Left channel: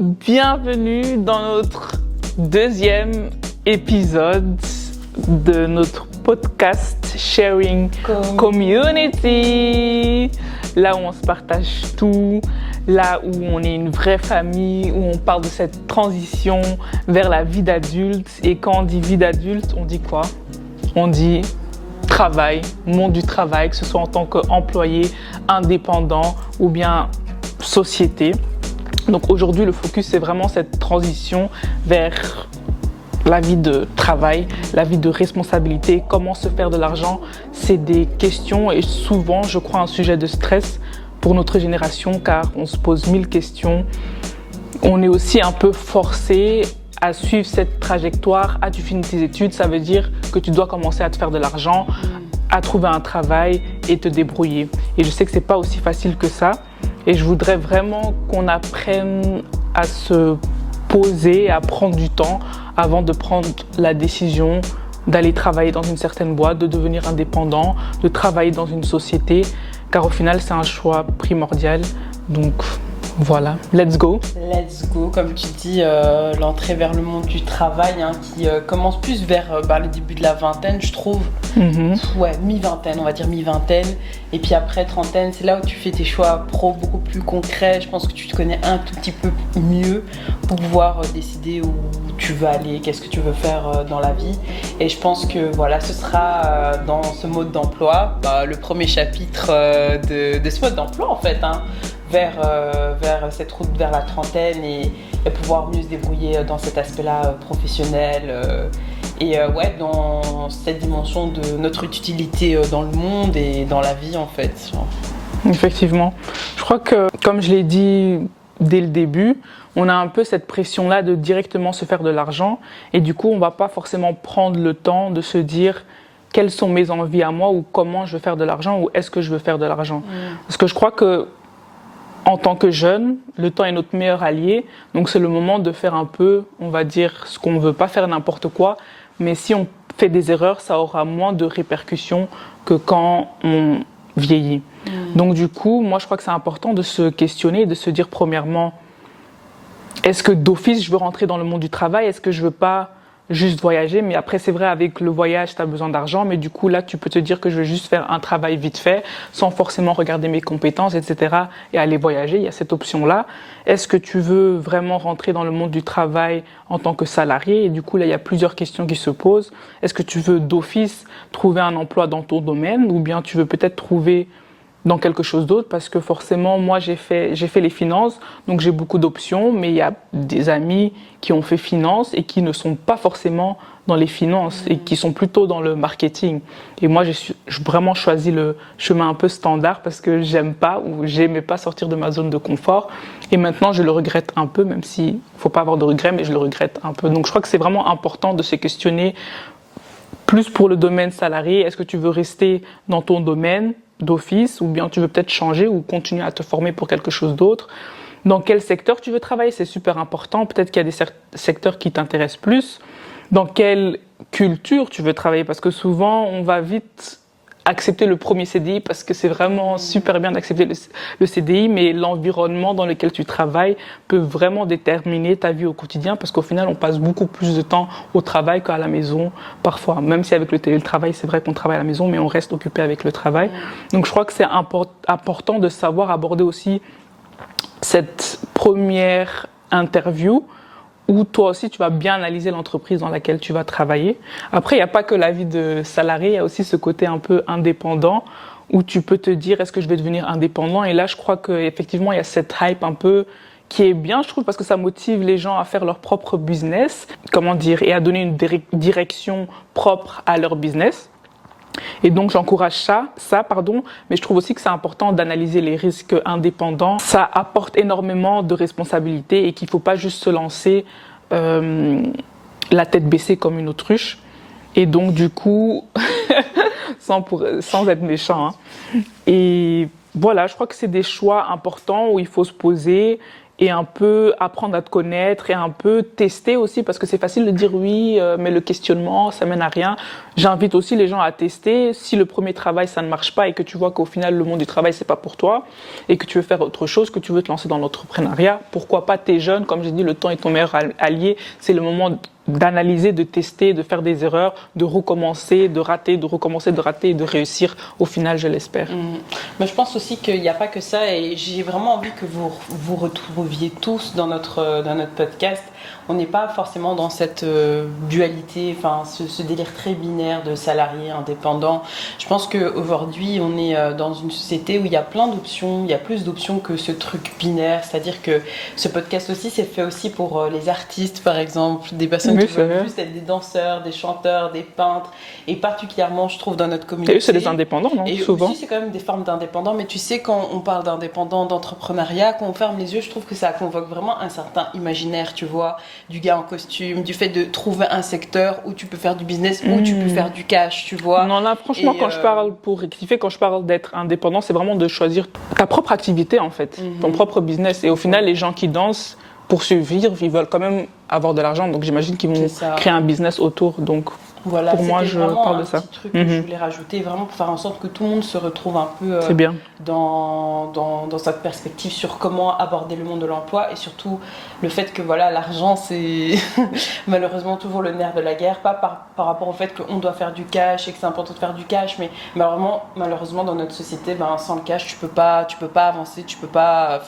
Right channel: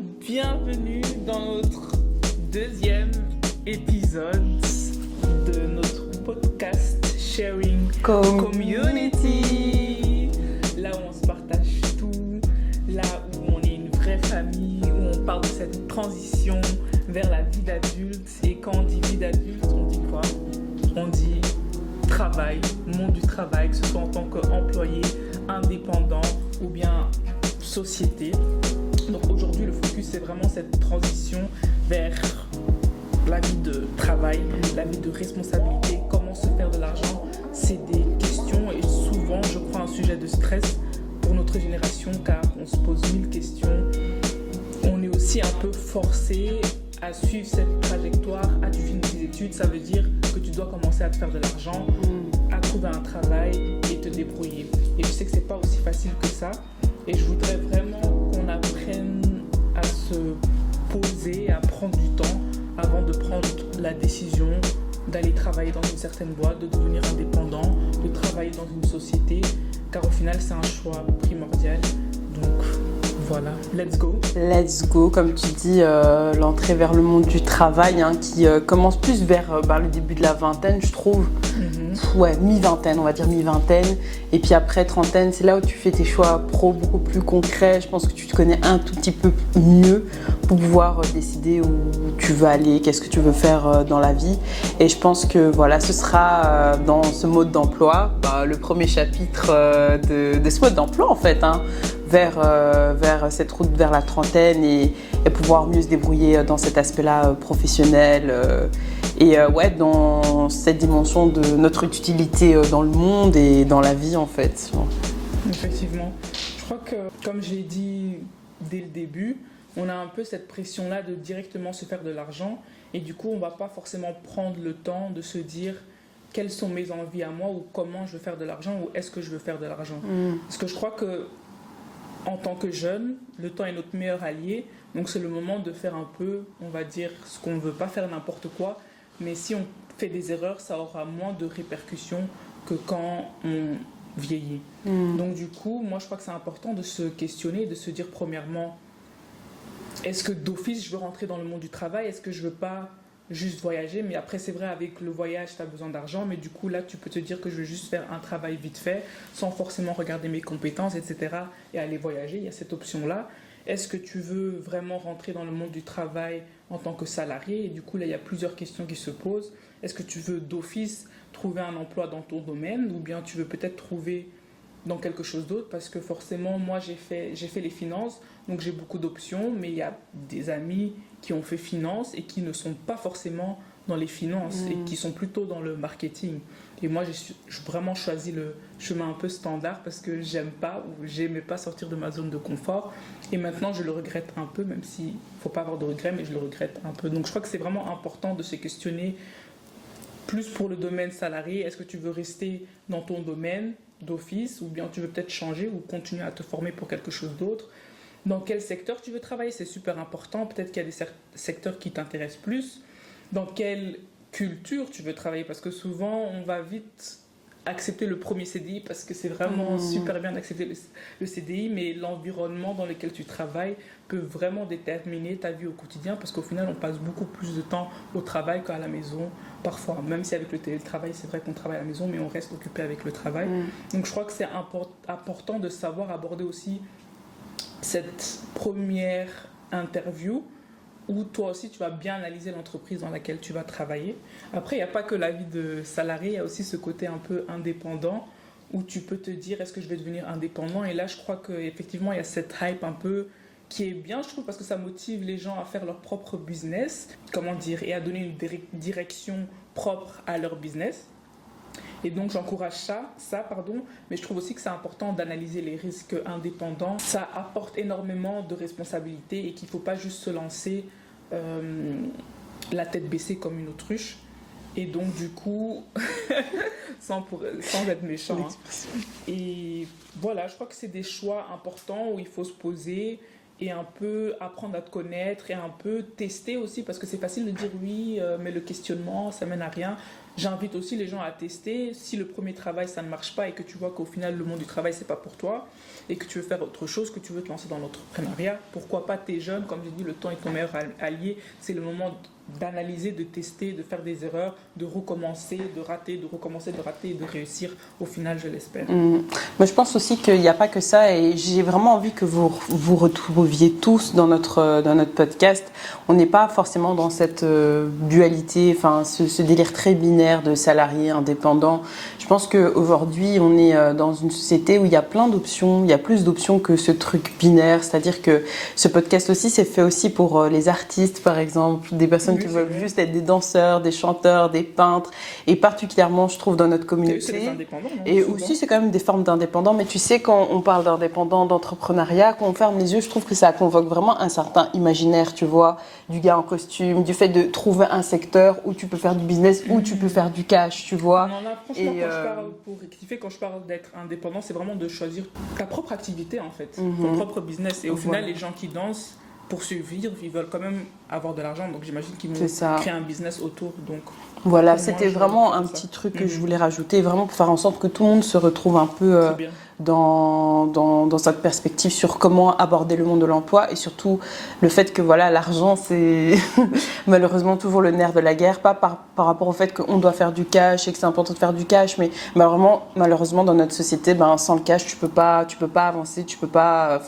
bienvenue dans notre deuxième épisode de notre podcast Sharing Community, là où on se partage tout, là où on est une vraie famille, où on parle de cette transition vers la vie d'adulte. Et quand on dit vie d'adulte, on dit quoi? On dit travail, monde du travail, que ce soit en tant qu'employé, indépendant ou bien société. Donc aujourd'hui, le focus, c'est vraiment cette transition vers la vie de travail, la vie de responsabilité, comment se faire de l'argent. C'est des questions et souvent, je crois, un sujet de stress pour notre génération car on se pose 1000 questions. On est aussi un peu forcé à suivre cette trajectoire. Tu finis tes études, ça veut dire que tu dois commencer à te faire de l'argent, à trouver un travail et te débrouiller. Et je sais que c'est pas aussi facile que ça. Et je voudrais vraiment qu'on apprenne à se poser, à prendre du temps avant de prendre la décision d'aller travailler dans une certaine boîte, de devenir indépendant, de travailler dans une société. Car au final, c'est un choix primordial. Donc voilà, let's go. Let's go, comme tu dis, l'entrée vers le monde du travail qui commence plus vers le début de la vingtaine, je trouve. Ouais, mi-vingtaine, on va dire mi-vingtaine. Et puis après trentaine, c'est là où tu fais tes choix pro beaucoup plus concrets. Je pense que tu te connais un tout petit peu mieux pour pouvoir décider où tu veux aller, qu'est-ce que tu veux faire dans la vie. Et je pense que voilà, ce sera dans ce mode d'emploi, le premier chapitre de ce mode d'emploi en fait. Vers cette route vers la trentaine et pouvoir mieux se débrouiller dans cet aspect-là professionnel dans cette dimension de notre utilité dans le monde et dans la vie en fait. Effectivement. Je crois que, comme je l'ai dit dès le début, on a un peu cette pression-là de directement se faire de l'argent et du coup, on ne va pas forcément prendre le temps de se dire quelles sont mes envies à moi ou comment je veux faire de l'argent ou est-ce que je veux faire de l'argent. Parce que je crois que en tant que jeune, le temps est notre meilleur allié, donc c'est le moment de faire un peu, on va dire, ce qu'on ne veut pas faire n'importe quoi, mais si on fait des erreurs, ça aura moins de répercussions que quand on vieillit. Donc du coup, moi je crois que c'est important de se questionner, de se dire premièrement, est-ce que d'office je veux rentrer dans le monde du travail, est-ce que je veux pas juste voyager, mais après c'est vrai avec le voyage tu as besoin d'argent, mais du coup là tu peux te dire que je veux juste faire un travail vite fait sans forcément regarder mes compétences, etc. et aller voyager, il y a cette option là. Est-ce que tu veux vraiment rentrer dans le monde du travail en tant que salarié? Et du coup là il y a plusieurs questions qui se posent. Est-ce que tu veux d'office trouver un emploi dans ton domaine ou bien tu veux peut-être trouver dans quelque chose d'autre, parce que forcément, moi, j'ai fait les finances, donc j'ai beaucoup d'options, mais il y a des amis qui ont fait finance et qui ne sont pas forcément dans les finances et qui sont plutôt dans le marketing. Et moi, j'ai vraiment choisi le chemin un peu standard parce que j'aimais pas sortir de ma zone de confort. Et maintenant, je le regrette un peu, même s'il faut pas avoir de regrets, mais je le regrette un peu. Donc, je crois que c'est vraiment important de se questionner plus pour le domaine salarié. Est-ce que tu veux rester dans ton domaine d'office ou bien tu veux peut-être changer ou continuer à te former pour quelque chose d'autre? Dans quel secteur tu veux travailler? C'est super important. Peut-être qu'il y a des secteurs qui t'intéressent plus. Dans quelle culture tu veux travailler? Parce que souvent, on va vite accepter le premier CDI parce que c'est vraiment super bien d'accepter le CDI, mais l'environnement dans lequel tu travailles peut vraiment déterminer ta vie au quotidien parce qu'au final, on passe beaucoup plus de temps au travail qu'à la maison parfois. Même si avec le télétravail, c'est vrai qu'on travaille à la maison, mais on reste occupé avec le travail. Donc je crois que c'est important de savoir aborder aussi cette première interview où toi aussi tu vas bien analyser l'entreprise dans laquelle tu vas travailler. Après, il n'y a pas que la vie de salarié, il y a aussi ce côté un peu indépendant où tu peux te dire est-ce que je vais devenir indépendant? Et là, je crois qu'effectivement, il y a cette hype un peu qui est bien, je trouve, parce que ça motive les gens à faire leur propre business, et à donner une direction propre à leur business. Et donc j'encourage ça, mais je trouve aussi que c'est important d'analyser les risques indépendants. Ça apporte énormément de responsabilités et qu'il ne faut pas juste se lancer la tête baissée comme une autruche. Et donc du coup, sans être méchant. Et voilà, je crois que c'est des choix importants où il faut se poser et un peu apprendre à te connaître et un peu tester aussi, parce que c'est facile de dire oui, mais le questionnement, ça mène à rien. j'invite aussi les gens à tester. Si le premier travail, ça ne marche pas et que tu vois qu'au final, le monde du travail, c'est pas pour toi et que tu veux faire autre chose, que tu veux te lancer dans l'entrepreneuriat, pourquoi pas, t'es jeune, comme j'ai dit, le temps est ton meilleur allié. C'est le moment d'analyser, de tester, de faire des erreurs, de recommencer, de rater, de recommencer, de rater et de réussir au final, je l'espère. Moi, je pense aussi qu'il n'y a pas que ça et j'ai vraiment envie que vous vous retrouviez tous dans notre podcast. On n'est pas forcément dans cette dualité, enfin ce délire très binaire de salarié, indépendant. Je pense qu'aujourd'hui, on est dans une société où il y a plein d'options, il y a plus d'options que ce truc binaire, c'est-à-dire que ce podcast aussi, c'est fait aussi pour les artistes, par exemple, des personnes qui veulent juste être des danseurs, des chanteurs, des peintres, et particulièrement, je trouve, dans notre communauté. Et eux, c'est des indépendants, non? Et souvent. aussi, c'est quand même des formes d'indépendants, mais tu sais, quand on parle d'indépendants, d'entrepreneuriat, quand on ferme les yeux, je trouve que ça convoque vraiment un certain imaginaire, tu vois, du gars en costume, du fait de trouver un secteur où tu peux faire du business, où tu peux faire du cash, tu vois. Non, là, franchement, quand je parle, pour rectifier, quand je parle d'être indépendant, c'est vraiment de choisir ta propre activité, en fait, ton propre business. Et au final, les gens qui dansent, pour survivre, ils veulent quand même avoir de l'argent. Donc, j'imagine qu'ils vont créer un business autour. Donc, voilà, pour moi, c'était vraiment un petit truc que je voulais rajouter, vraiment pour faire en sorte que tout le monde se retrouve un peu dans cette perspective sur comment aborder le monde de l'emploi et surtout le fait que voilà, l'argent, c'est malheureusement toujours le nerf de la guerre, pas par rapport au fait qu'on doit faire du cash et que c'est important de faire du cash, mais malheureusement dans notre société, sans le cash, tu peux pas avancer, tu peux pas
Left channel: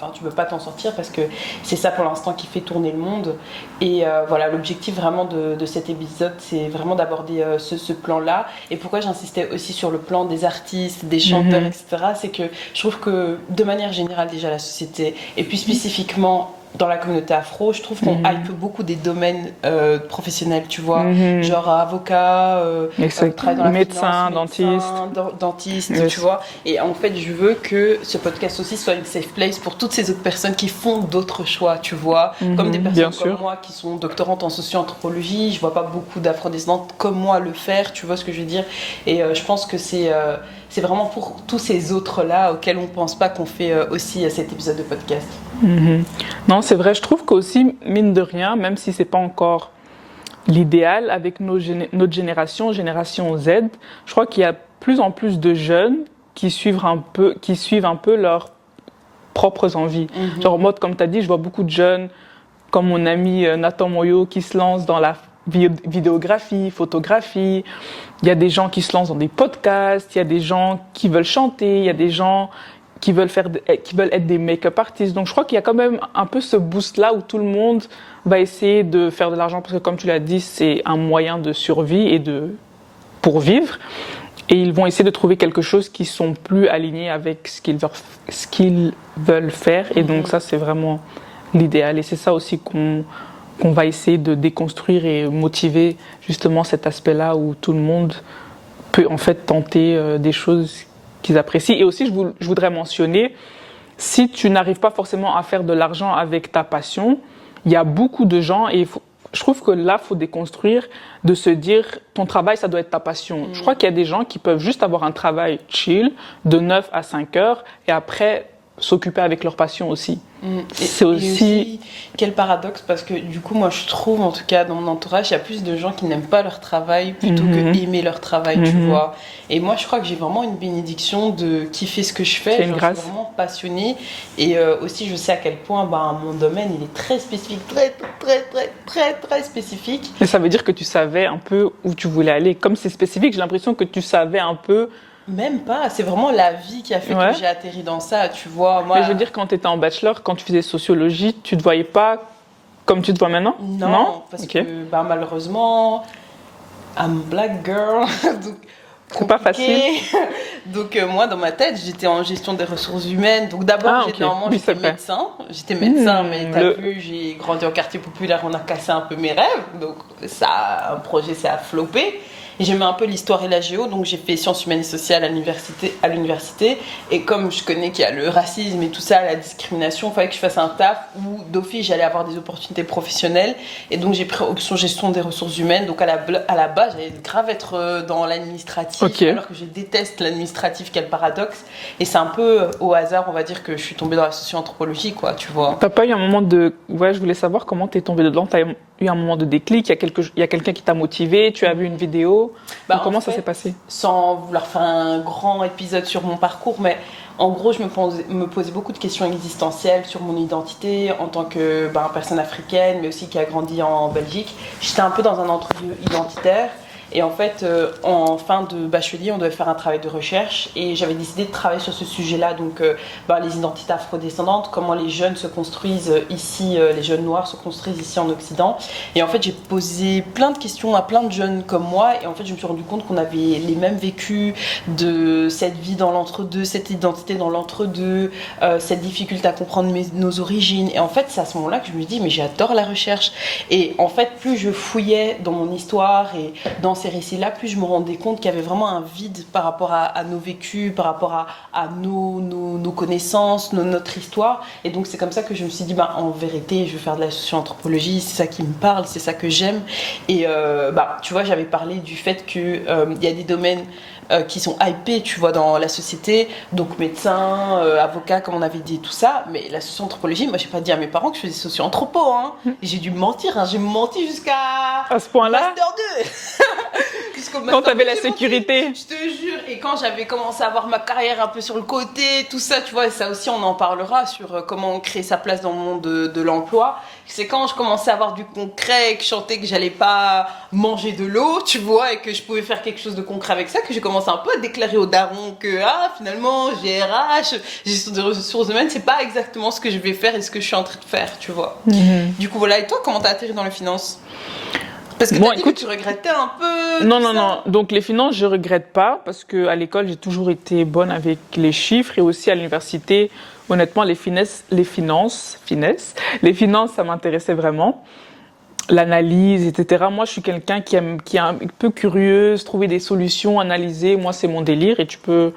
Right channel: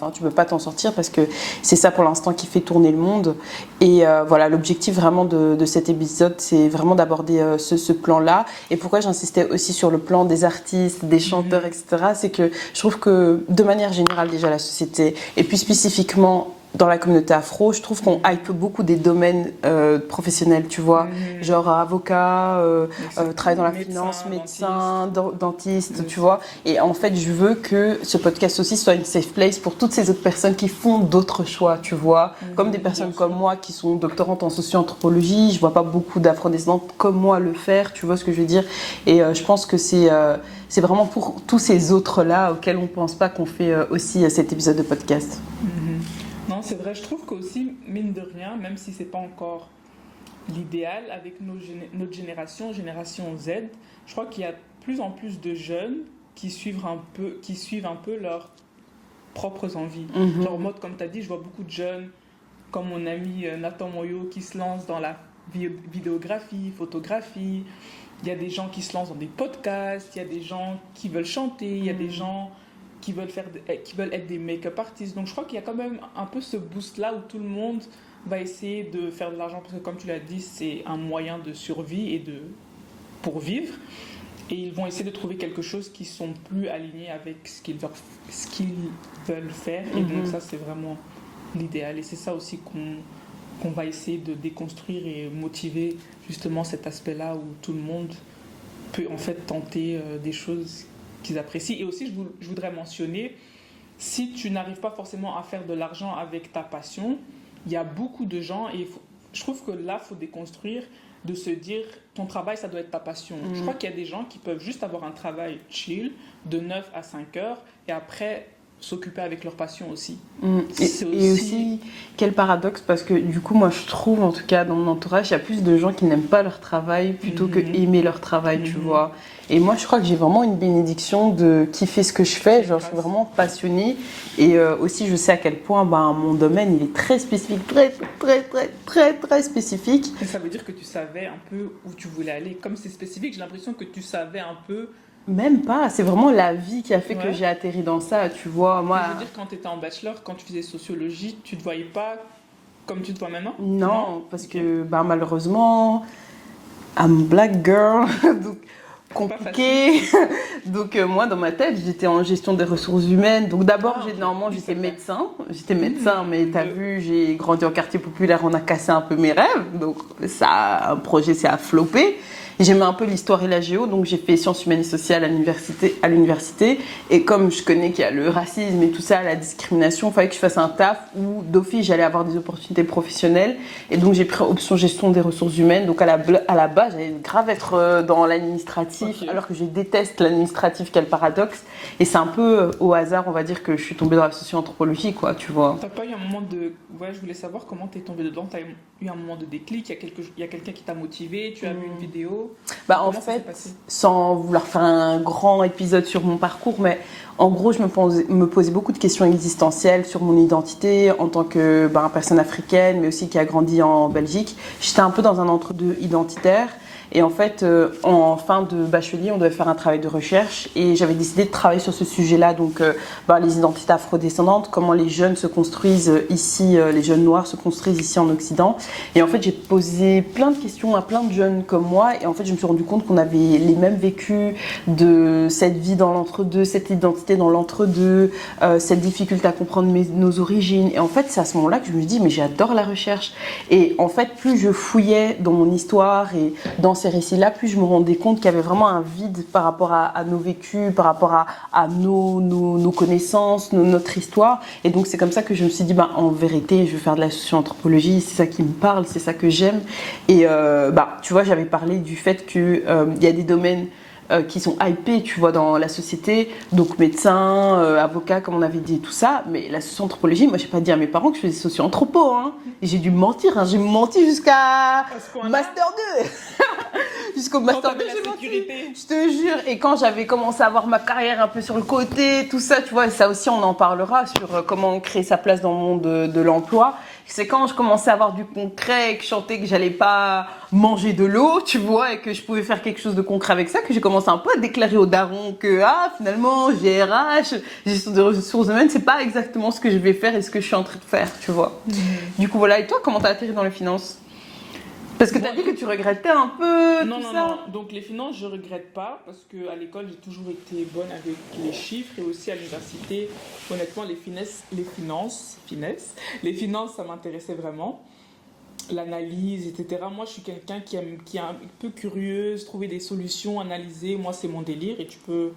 t'en sortir parce que c'est ça pour l'instant qui fait tourner le monde. Et voilà, l'objectif vraiment de cet épisode, c'est vraiment d'aborder ce plan-là. Et pourquoi j'insistais aussi sur le plan des artistes, des chanteurs, etc., c'est que je trouve que de manière générale déjà la société, et puis spécifiquement dans la communauté afro, je trouve qu'on hype beaucoup des domaines professionnels, tu vois, genre avocat, travaille dans la médecin, dentiste, tu vois. Et en fait, je veux que ce podcast aussi soit une safe place pour toutes ces autres personnes qui font d'autres choix, tu vois. Comme des personnes comme moi qui sont doctorantes en socio-anthropologie, je vois pas beaucoup d'afro-descendantes comme moi le faire, tu vois ce que je veux dire. Et je pense que c'est vraiment pour tous ces autres-là auxquels on pense pas qu'on fait aussi cet épisode de podcast. Non, c'est vrai, je trouve qu'aussi, mine de rien, même si c'est pas encore l'idéal, avec notre génération Z, je crois qu'il y a plus en plus de jeunes qui suivent un peu leurs propres envies. Genre, moi, comme tu as dit, je vois beaucoup de jeunes, comme mon ami Nathan Moyo, qui se lancent dans la vidéographie, photographie. Il y a des gens qui se lancent dans des podcasts, il y a des gens qui veulent chanter, il y a des gens qui veulent être des make-up artistes. Donc je crois qu'il y a quand même un peu ce boost-là où tout le monde va essayer de faire de l'argent parce que comme tu l'as dit, c'est un moyen de survie et pour vivre. Et ils vont essayer de trouver quelque chose qui sont plus alignés avec ce qu'ils veulent faire. Et donc ça, c'est vraiment l'idéal. Et c'est ça aussi qu'on va essayer de déconstruire et motiver justement cet aspect-là où tout le monde peut en fait tenter des choses qu'ils apprécient. Et aussi, je voudrais mentionner, si tu n'arrives pas forcément à faire de l'argent avec ta passion, il y a beaucoup de gens, et je trouve que là, il faut déconstruire, de se dire, ton travail, ça doit être ta passion. Je crois qu'il y a des gens qui peuvent juste avoir un travail chill, de 9 à 5 heures, et après s'occuper avec leur passion aussi. C'est aussi quel paradoxe, parce que du coup moi je trouve, en tout cas dans mon entourage, il y a plus de gens qui n'aiment pas leur travail plutôt que aimer leur travail, tu vois. Et moi je crois que j'ai vraiment une bénédiction de kiffer ce que je fais, je suis vraiment passionnée. Et aussi je sais à quel point mon domaine il est très spécifique, très spécifique. Et ça veut dire que tu savais un peu où tu voulais aller. Comme c'est spécifique, j'ai l'impression que tu savais un peu. Même pas, c'est vraiment la vie qui a fait que j'ai atterri dans ça, tu vois. Moi, mais je veux dire, quand tu étais en bachelor, quand tu faisais sociologie, tu te voyais pas comme tu te vois maintenant? Non, parce que malheureusement, I'm a black girl, donc c'est pas facile. Donc moi, dans ma tête, j'étais en gestion des ressources humaines. Donc d'abord, j'étais médecin. J'étais médecin, mais t'as vu, j'ai grandi en quartier populaire, on a cassé un peu mes rêves. Donc ça, un projet s'est floppé. Et j'aimais un peu l'histoire et la géo, donc j'ai fait sciences humaines et sociales à l'université. Et comme je connais qu'il y a le racisme et tout ça, la discrimination, il fallait que je fasse un taf où d'office j'allais avoir des opportunités professionnelles. Et donc j'ai pris option gestion des ressources humaines. Donc à la base, j'allais grave être dans l'administratif, alors que je déteste l'administratif, quel paradoxe. Et c'est un peu au hasard, on va dire, que je suis tombée dans la socio-anthropologie, quoi, tu vois. T'as pas eu un moment de... Ouais, je voulais savoir comment t'es tombée dedans. eu un moment de déclic, il y a quelqu'un qui t'a motivé, tu as vu une vidéo. Comment ça s'est passé? Sans vouloir faire un grand épisode sur mon parcours, mais en gros, je me posais beaucoup de questions existentielles sur mon identité en tant que personne africaine, mais aussi qui a grandi en Belgique. J'étais un peu dans un entre-deux identitaire. Et en fait, en fin de bachelier, on devait faire un travail de recherche et j'avais décidé de travailler sur ce sujet-là, donc les identités afrodescendantes, comment les jeunes se construisent ici, les jeunes noirs se construisent ici en Occident. Et en fait, j'ai posé plein de questions à plein de jeunes comme moi et en fait, je me suis rendu compte qu'on avait les mêmes vécus de cette vie dans l'entre-deux, cette identité dans l'entre-deux, cette difficulté à comprendre nos origines. Et en fait, c'est à ce moment-là que je me dis, mais j'adore la recherche. Et en fait, plus je fouillais dans mon histoire et dans ces récits-là, plus je me rendais compte qu'il y avait vraiment un vide par rapport à nos vécus, par rapport à nos connaissances, notre histoire. Et donc, c'est comme ça que je me suis dit, en vérité, je vais faire de la socio-anthropologie, c'est ça qui me parle, c'est ça que j'aime. Et tu vois, j'avais parlé du fait qu'il y a des domaines qui sont hypés, tu vois, dans la société, donc médecin, avocat, comme on avait dit, tout ça, mais la socio-anthropologie, moi j'ai pas dit à mes parents que je faisais socio-anthropo, hein. Et j'ai dû mentir, j'ai menti jusqu'à à ce point-là, Master 2. Jusqu'au Master quand t'avais la sécurité. Je te jure, et quand j'avais commencé à avoir ma carrière un peu sur le côté, tout ça, tu vois, et ça aussi on en parlera sur comment créer sa place dans le monde de l'emploi. C'est quand je commençais à avoir du concret et que je sentais que j'allais pas manger de l'eau, tu vois, et que je pouvais faire quelque chose de concret avec ça, que j'ai commencé un peu à déclarer au daron que finalement GRH, gestion des ressources humaines, c'est pas exactement ce que je vais faire et ce que je suis en train de faire, tu vois. Du coup voilà, et toi comment t'as atterri dans les finances? Parce que t'as dit que tu regrettais un peu. Non. Donc les finances, je regrette pas parce que à l'école, j'ai toujours été bonne avec les chiffres et aussi à l'université. Honnêtement, les finances, ça m'intéressait vraiment. L'analyse, etc. Moi, je suis quelqu'un qui est un peu curieuse, trouver des solutions, analyser. Moi, c'est mon délire et tu peux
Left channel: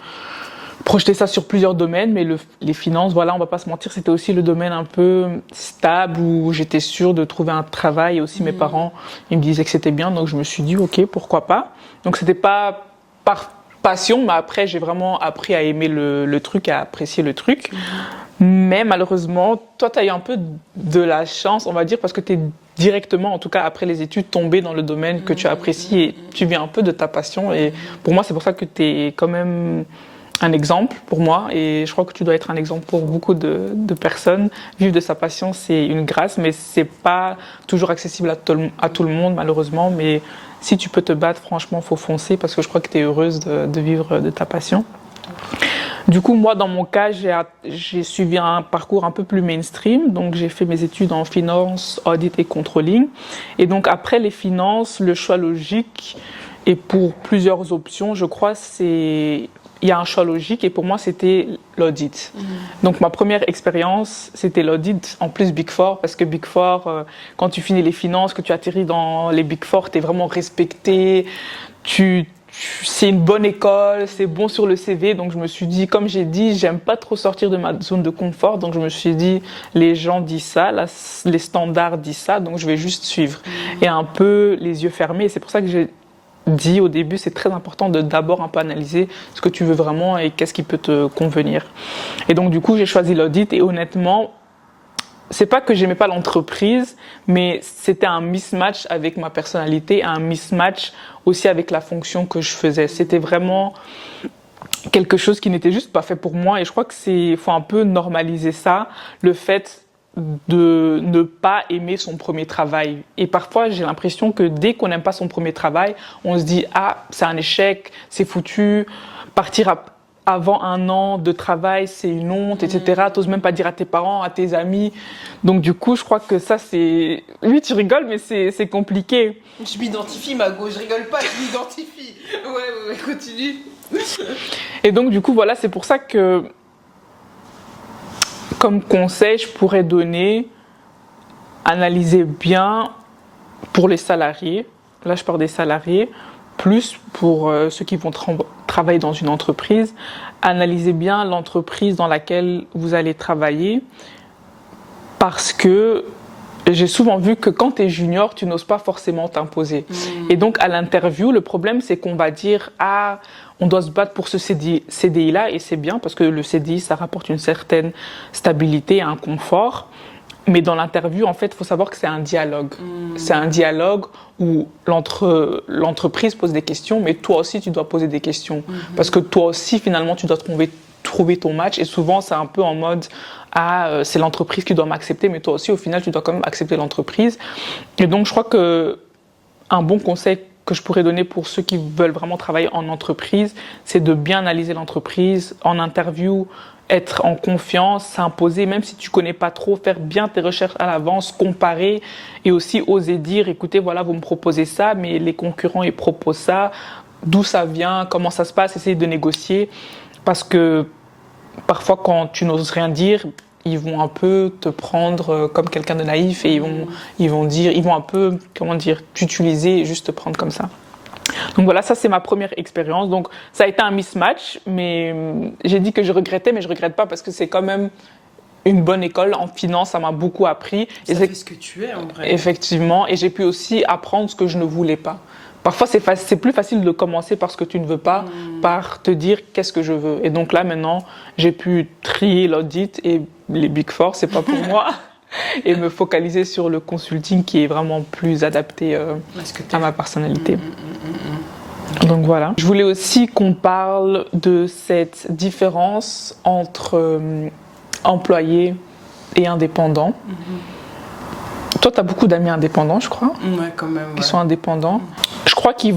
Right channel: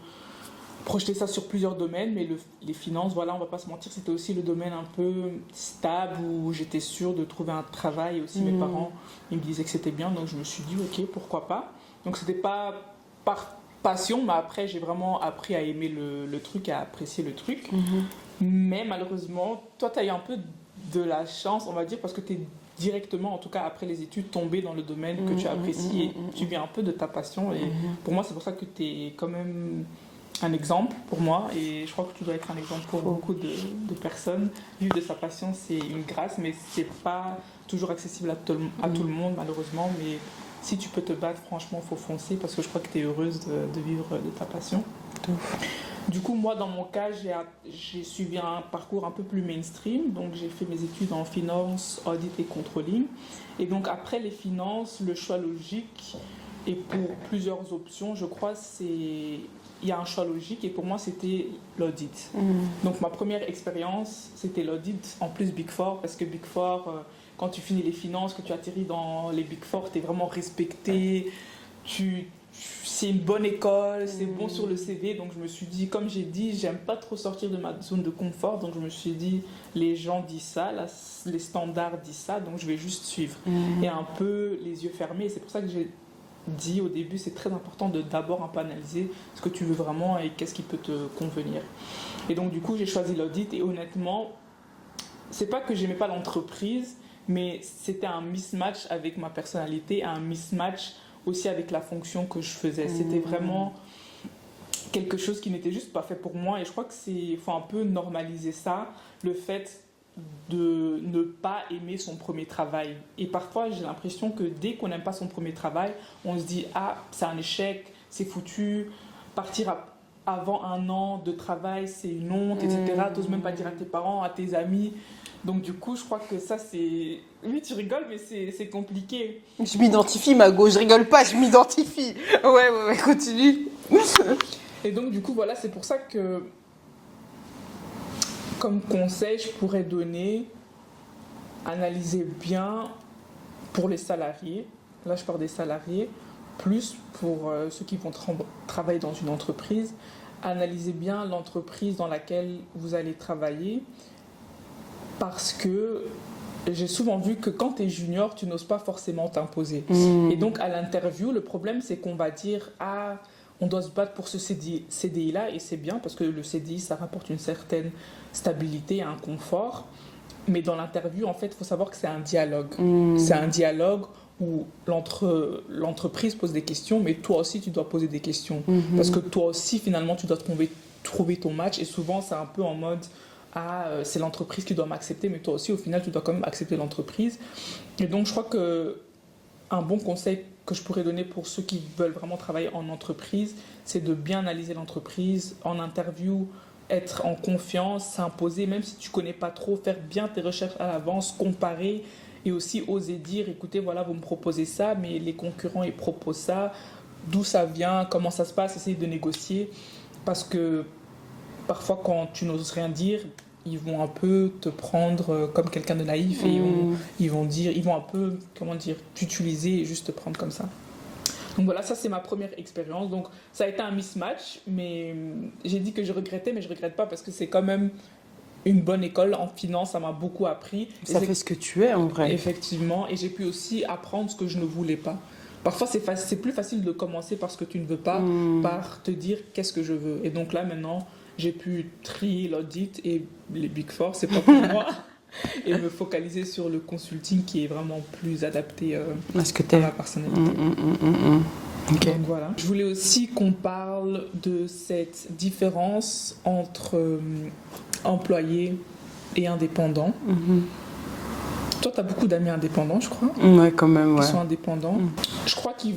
projeter ça sur plusieurs domaines, mais les finances, voilà, on va pas se mentir, c'était aussi le domaine un peu stable où j'étais sûre de trouver un travail. Et aussi, mes parents, ils me disaient que c'était bien, donc je me suis dit, ok, pourquoi pas. Donc, c'était pas par passion, mais après, j'ai vraiment appris à aimer le truc, à apprécier le truc. Mais malheureusement, toi, tu as eu un peu de la chance, on va dire, parce que tu es directement, en tout cas après les études, tombé dans le domaine que tu apprécies et tu viens un peu de ta passion. Et pour moi, c'est pour ça que tu es quand même un exemple pour moi et je crois que tu dois être un exemple pour beaucoup de personnes. Vivre de sa passion, c'est une grâce, mais c'est pas toujours accessible à tout le monde, malheureusement. Mais si tu peux te battre, franchement, faut foncer parce que je crois que tu es heureuse de vivre de ta passion. Du coup, moi, dans mon cas, j'ai suivi un parcours un peu plus mainstream. Donc, j'ai fait mes études en finance, audit et controlling. Et donc, après les finances, le choix logique, et pour plusieurs options, je crois, il y a un choix logique et pour moi, c'était l'audit. Donc, ma première expérience, c'était l'audit, en plus Big Four, parce que Big Four, quand tu finis les finances, que tu atterris dans les Big Four, tu es vraiment respecté, c'est une bonne école, c'est bon sur le CV. Donc, je me suis dit, comme j'ai dit, j'aime pas trop sortir de ma zone de confort. Donc, je me suis dit, les gens disent ça, les standards disent ça, donc je vais juste suivre. Et un peu les yeux fermés. Et c'est pour ça que j'ai dit au début, c'est très important de d'abord un peu analyser ce que tu veux vraiment et qu'est-ce qui peut te convenir. Et donc du coup, j'ai choisi l'audit et honnêtement, c'est pas que j'aimais pas l'entreprise, mais c'était un mismatch avec ma personnalité, un mismatch aussi avec la fonction que je faisais. C'était vraiment quelque chose qui n'était juste pas fait pour moi et je crois que faut un peu normaliser ça, le fait de ne pas aimer son premier travail. Et parfois, j'ai l'impression que dès qu'on n'aime pas son premier travail, on se dit « Ah, c'est un échec, c'est foutu, partir avant un an de travail, c'est une honte, etc. » T'oses même pas dire à tes parents, à tes amis. Donc du coup, je crois que ça, c'est... Oui, tu rigoles, mais c'est compliqué. Je m'identifie, Mago, je rigole pas, je m'identifie. Ouais, continue. Et donc du coup, voilà, c'est pour ça que comme conseil, je pourrais donner, analyser bien pour les salariés, là je parle des salariés, plus pour ceux qui vont travailler dans une entreprise, analysez bien l'entreprise dans laquelle vous allez travailler parce que j'ai souvent vu que quand tu es junior, tu n'oses pas forcément t'imposer. Et donc à l'interview, le problème c'est qu'on va dire « Ah, on doit se battre pour ce CDI-là » et c'est bien parce que le CDI, ça rapporte une certaine stabilité, un confort. Mais dans l'interview, en fait, il faut savoir que c'est un dialogue. C'est un dialogue où l'entreprise pose des questions, mais toi aussi, tu dois poser des questions. Parce que toi aussi, finalement, tu dois trouver ton match. Et souvent, c'est un peu en mode c'est l'entreprise qui doit m'accepter, mais toi aussi, au final, tu dois quand même accepter l'entreprise. Et donc, je crois qu'un bon conseil que je pourrais donner pour ceux qui veulent vraiment travailler en entreprise, c'est de bien analyser l'entreprise en interview, être en confiance, s'imposer, même si tu ne connais pas trop, faire bien tes recherches à l'avance, comparer et aussi oser dire, écoutez, voilà, vous me proposez ça, mais les concurrents, ils proposent ça, d'où ça vient, comment ça se passe, essayer de négocier. Parce que parfois, quand tu n'oses rien dire, ils vont un peu te prendre comme quelqu'un de naïf et ils vont un peu, t'utiliser et juste te prendre comme ça. Donc voilà, ça c'est ma première expérience. Donc ça a été un mismatch, mais j'ai dit que je regrettais, mais je regrette pas parce que c'est quand même une bonne école en finance, ça m'a beaucoup appris. Ça fait ce que tu es en vrai. Effectivement, et j'ai pu aussi apprendre ce que je ne voulais pas. Parfois c'est plus facile de commencer par ce que tu ne veux pas, par te dire qu'est-ce que je veux. Et donc là maintenant, j'ai pu trier l'audit et les Big Four, c'est pas pour moi. Et me focaliser sur le consulting qui est vraiment plus adapté à ma personnalité. Okay. Donc voilà. Je voulais aussi qu'on parle de cette différence entre employés et indépendants. Toi, tu as beaucoup d'amis indépendants, je crois. Ouais, quand même. Qui sont indépendants. Je crois qu'il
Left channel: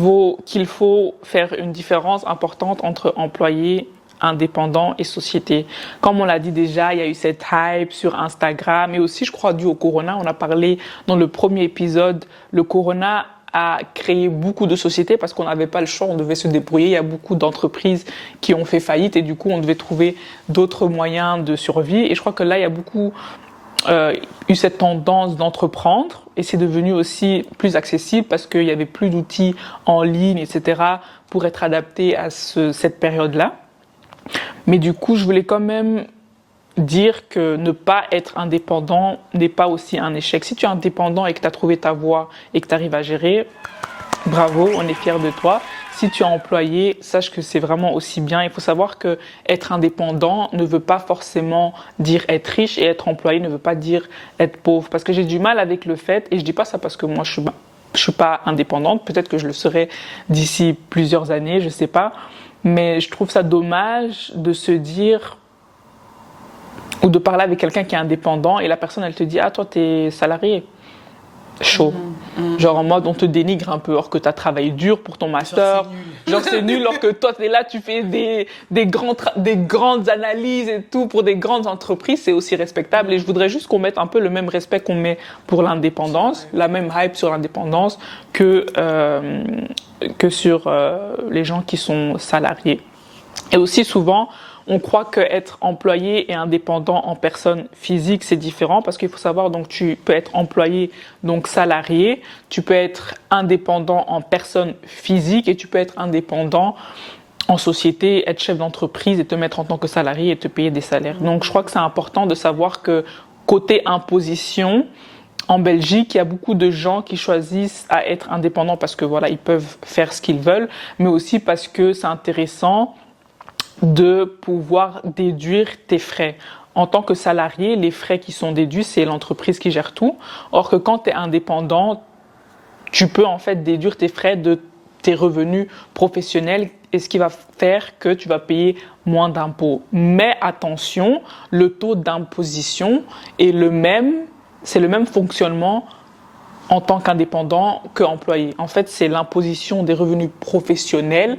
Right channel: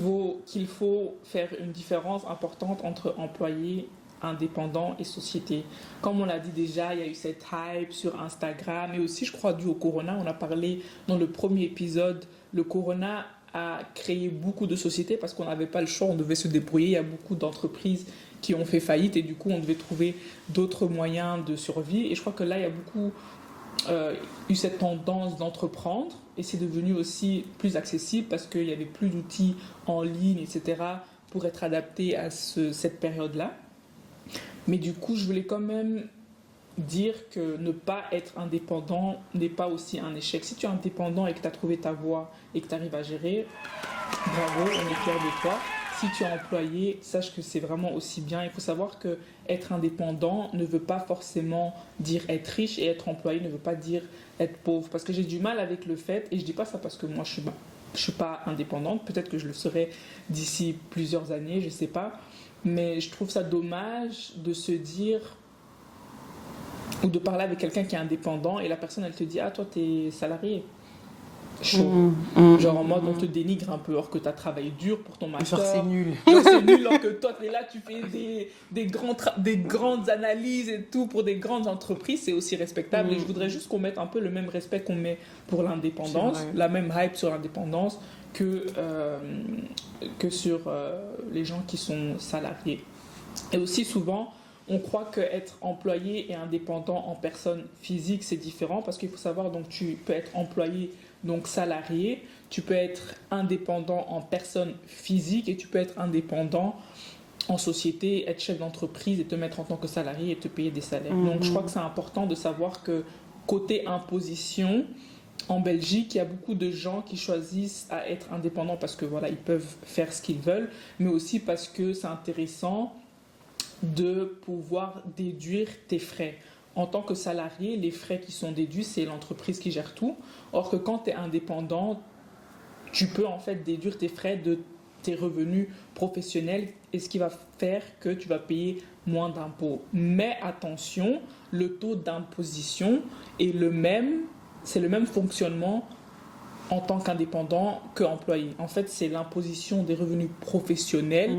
faut faire une différence importante entre employés, indépendants et société. Comme on l'a dit déjà, il y a eu cette hype sur Instagram et aussi, je crois, dû au Corona. On a parlé dans le premier épisode, le Corona a créé beaucoup de sociétés parce qu'on n'avait pas le choix, on devait se débrouiller. Il y a beaucoup d'entreprises qui ont fait faillite et du coup, on devait trouver d'autres moyens de survie. Et je crois que là, il y a beaucoup eu cette tendance d'entreprendre et c'est devenu aussi plus accessible parce qu'il n'y avait plus d'outils en ligne, etc., pour être adapté à cette période-là. Mais du coup, je voulais quand même dire que ne pas être indépendant n'est pas aussi un échec. Si tu es indépendant et que tu as trouvé ta voie et que tu arrives à gérer, bravo, on est fiers de toi. Si tu es employé, sache que c'est vraiment aussi bien. Il faut savoir qu'être indépendant ne veut pas forcément dire être riche et être employé ne veut pas dire être pauvre. Parce que j'ai du mal avec le fait, et je ne dis pas ça parce que moi je ne suis pas indépendante, peut-être que je le serai d'ici plusieurs années, je ne sais pas. Mais je trouve ça dommage de se dire ou de parler avec quelqu'un qui est indépendant et la personne elle te dit « Ah toi t'es salarié ». Chaud. Genre en mode on te dénigre un peu alors que tu as travaillé dur pour ton master. Genre c'est nul alors que toi tu es là, tu fais des grandes analyses et tout pour des grandes entreprises, c'est aussi respectable. Et je voudrais juste qu'on mette un peu le même respect qu'on met pour l'indépendance, la même hype sur l'indépendance que sur les gens qui sont salariés. Et aussi souvent, on croit qu'être employé et indépendant en personne physique, c'est différent parce qu'il faut savoir, donc tu peux être employé, donc salarié, tu peux être indépendant en personne physique et tu peux être indépendant en société, être chef d'entreprise et te mettre en tant que salarié et te payer des salaires. Donc je crois que c'est important de savoir que côté imposition, en Belgique, il y a beaucoup de gens qui choisissent à être indépendants parce que voilà, ils peuvent faire ce qu'ils veulent, mais aussi parce que c'est intéressant de pouvoir déduire tes frais. En tant que salarié, les frais qui sont déduits, c'est l'entreprise qui gère tout. Or que quand tu es indépendant, tu peux en fait déduire tes frais de tes revenus professionnels et ce qui va faire que tu vas payer moins d'impôts. Mais attention, le taux d'imposition est c'est le même fonctionnement en tant qu'indépendant qu'employé. En fait, c'est l'imposition des revenus professionnels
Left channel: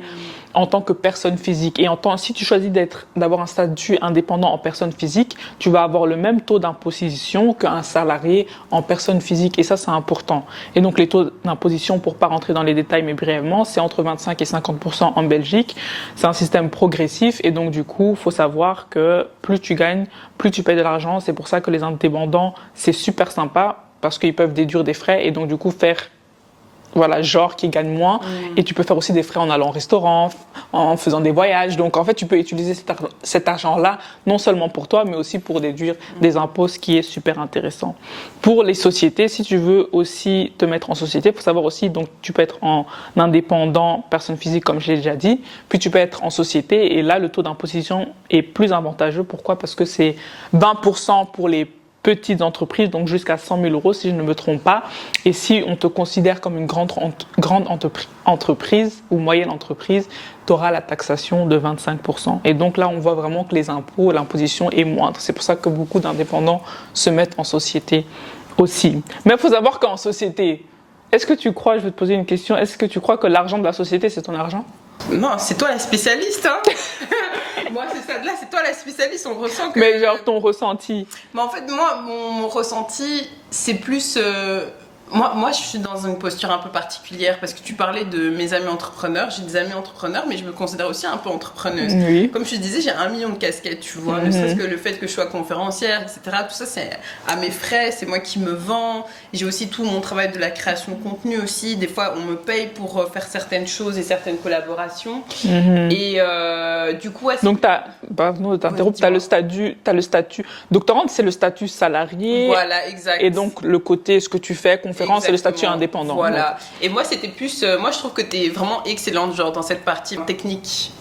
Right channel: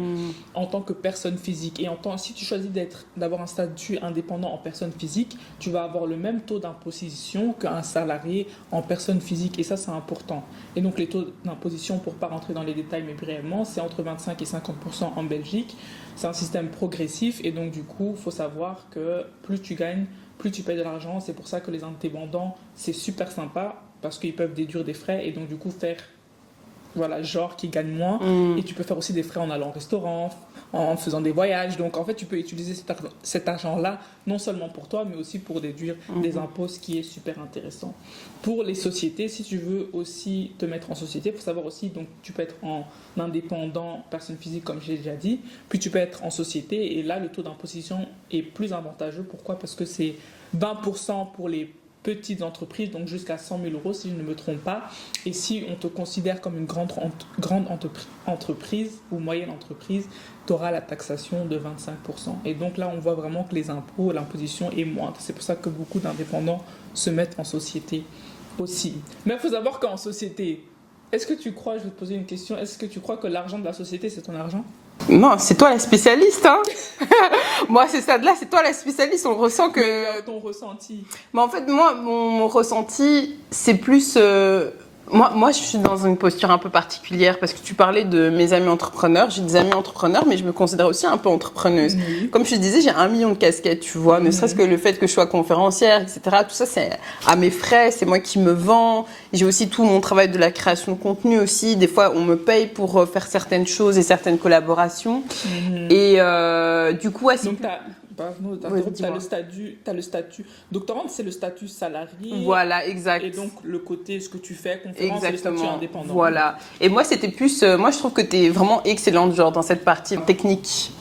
en tant que personne physique. Et si tu choisis d'avoir un statut indépendant en personne physique, tu vas avoir le même taux d'imposition qu'un salarié en personne physique. Et ça, c'est important. Et donc, les taux d'imposition, pour ne pas rentrer dans les détails, mais brièvement, c'est entre 25 et 50% en Belgique. C'est un système progressif. Et donc, du coup, il faut savoir que plus tu gagnes, plus tu payes de l'argent. C'est pour ça que les indépendants, c'est super sympa, parce qu'ils peuvent déduire des frais et donc du coup faire genre qu'ils gagnent moins. Et tu peux faire aussi des frais en allant au restaurant, en faisant des voyages. Donc en fait, tu peux utiliser cet argent-là non seulement pour toi, mais aussi pour déduire des impôts, ce qui est super intéressant. Pour les sociétés, si tu veux aussi te mettre en société, il faut savoir aussi, donc tu peux être en indépendant, personne physique comme je l'ai déjà dit, puis tu peux être en société et là, le taux d'imposition est plus avantageux. Pourquoi ? Parce que c'est 20% pour les petites entreprises, donc jusqu'à 100 000 euros si je ne me trompe pas. Et si on te considère comme une grande entreprise ou moyenne entreprise, tu auras la taxation de 25%. Et donc là, on voit vraiment que les impôts, l'imposition est moindre. C'est pour ça que beaucoup d'indépendants se mettent en société aussi. Mais il faut savoir qu'en société, est-ce que tu crois, je vais te poser une question, est-ce que tu crois que l'argent de la société, c'est ton argent? Non, c'est toi la spécialiste, hein. Moi, c'est ça de là, c'est toi la spécialiste, on ressent que... Mais genre ton ressenti. Mais en fait, moi, mon ressenti, c'est plus... Moi, je suis dans une posture un peu particulière parce que tu parlais de mes amis entrepreneurs. J'ai des amis entrepreneurs, mais je me considère aussi un peu entrepreneuse. Oui. Comme je te disais, j'ai 1 million de casquettes, tu vois. Ne serait-ce que le fait que je sois conférencière, etc. Tout ça, c'est à mes frais, c'est moi qui me vends. J'ai aussi tout mon travail de la création de contenu aussi. Des fois, on me paye pour faire certaines choses et certaines collaborations. Et du coup, ouais, donc, t'as le statut. Doctorante, c'est le statut salarié. Voilà, exact. Et donc, le côté, ce que tu fais, conférence, c'est le statut indépendant. Voilà. Donc. Et moi, c'était plus... moi, je trouve que tu es vraiment excellente, genre, dans cette partie technique,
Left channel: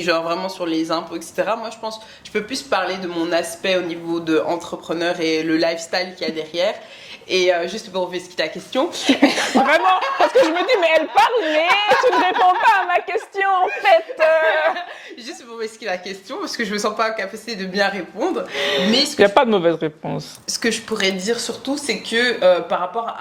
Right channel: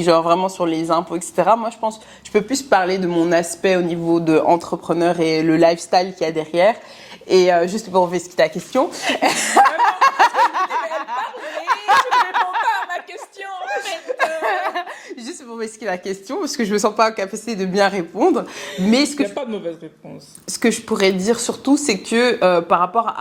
genre, vraiment sur les impôts, etc. Moi, je pense je peux plus parler de mon aspect au niveau de entrepreneur et le lifestyle qu'il y a derrière. Et juste pour revenir à ta question. Vraiment, parce que je me dis, mais elle parle, mais tu ne réponds pas à ma question, en fait. Juste pour m'expliquer la question, parce que je me sens pas en capacité de bien répondre. Mais il n'y a pas de mauvaise réponse. Ce que je pourrais dire surtout, c'est que par rapport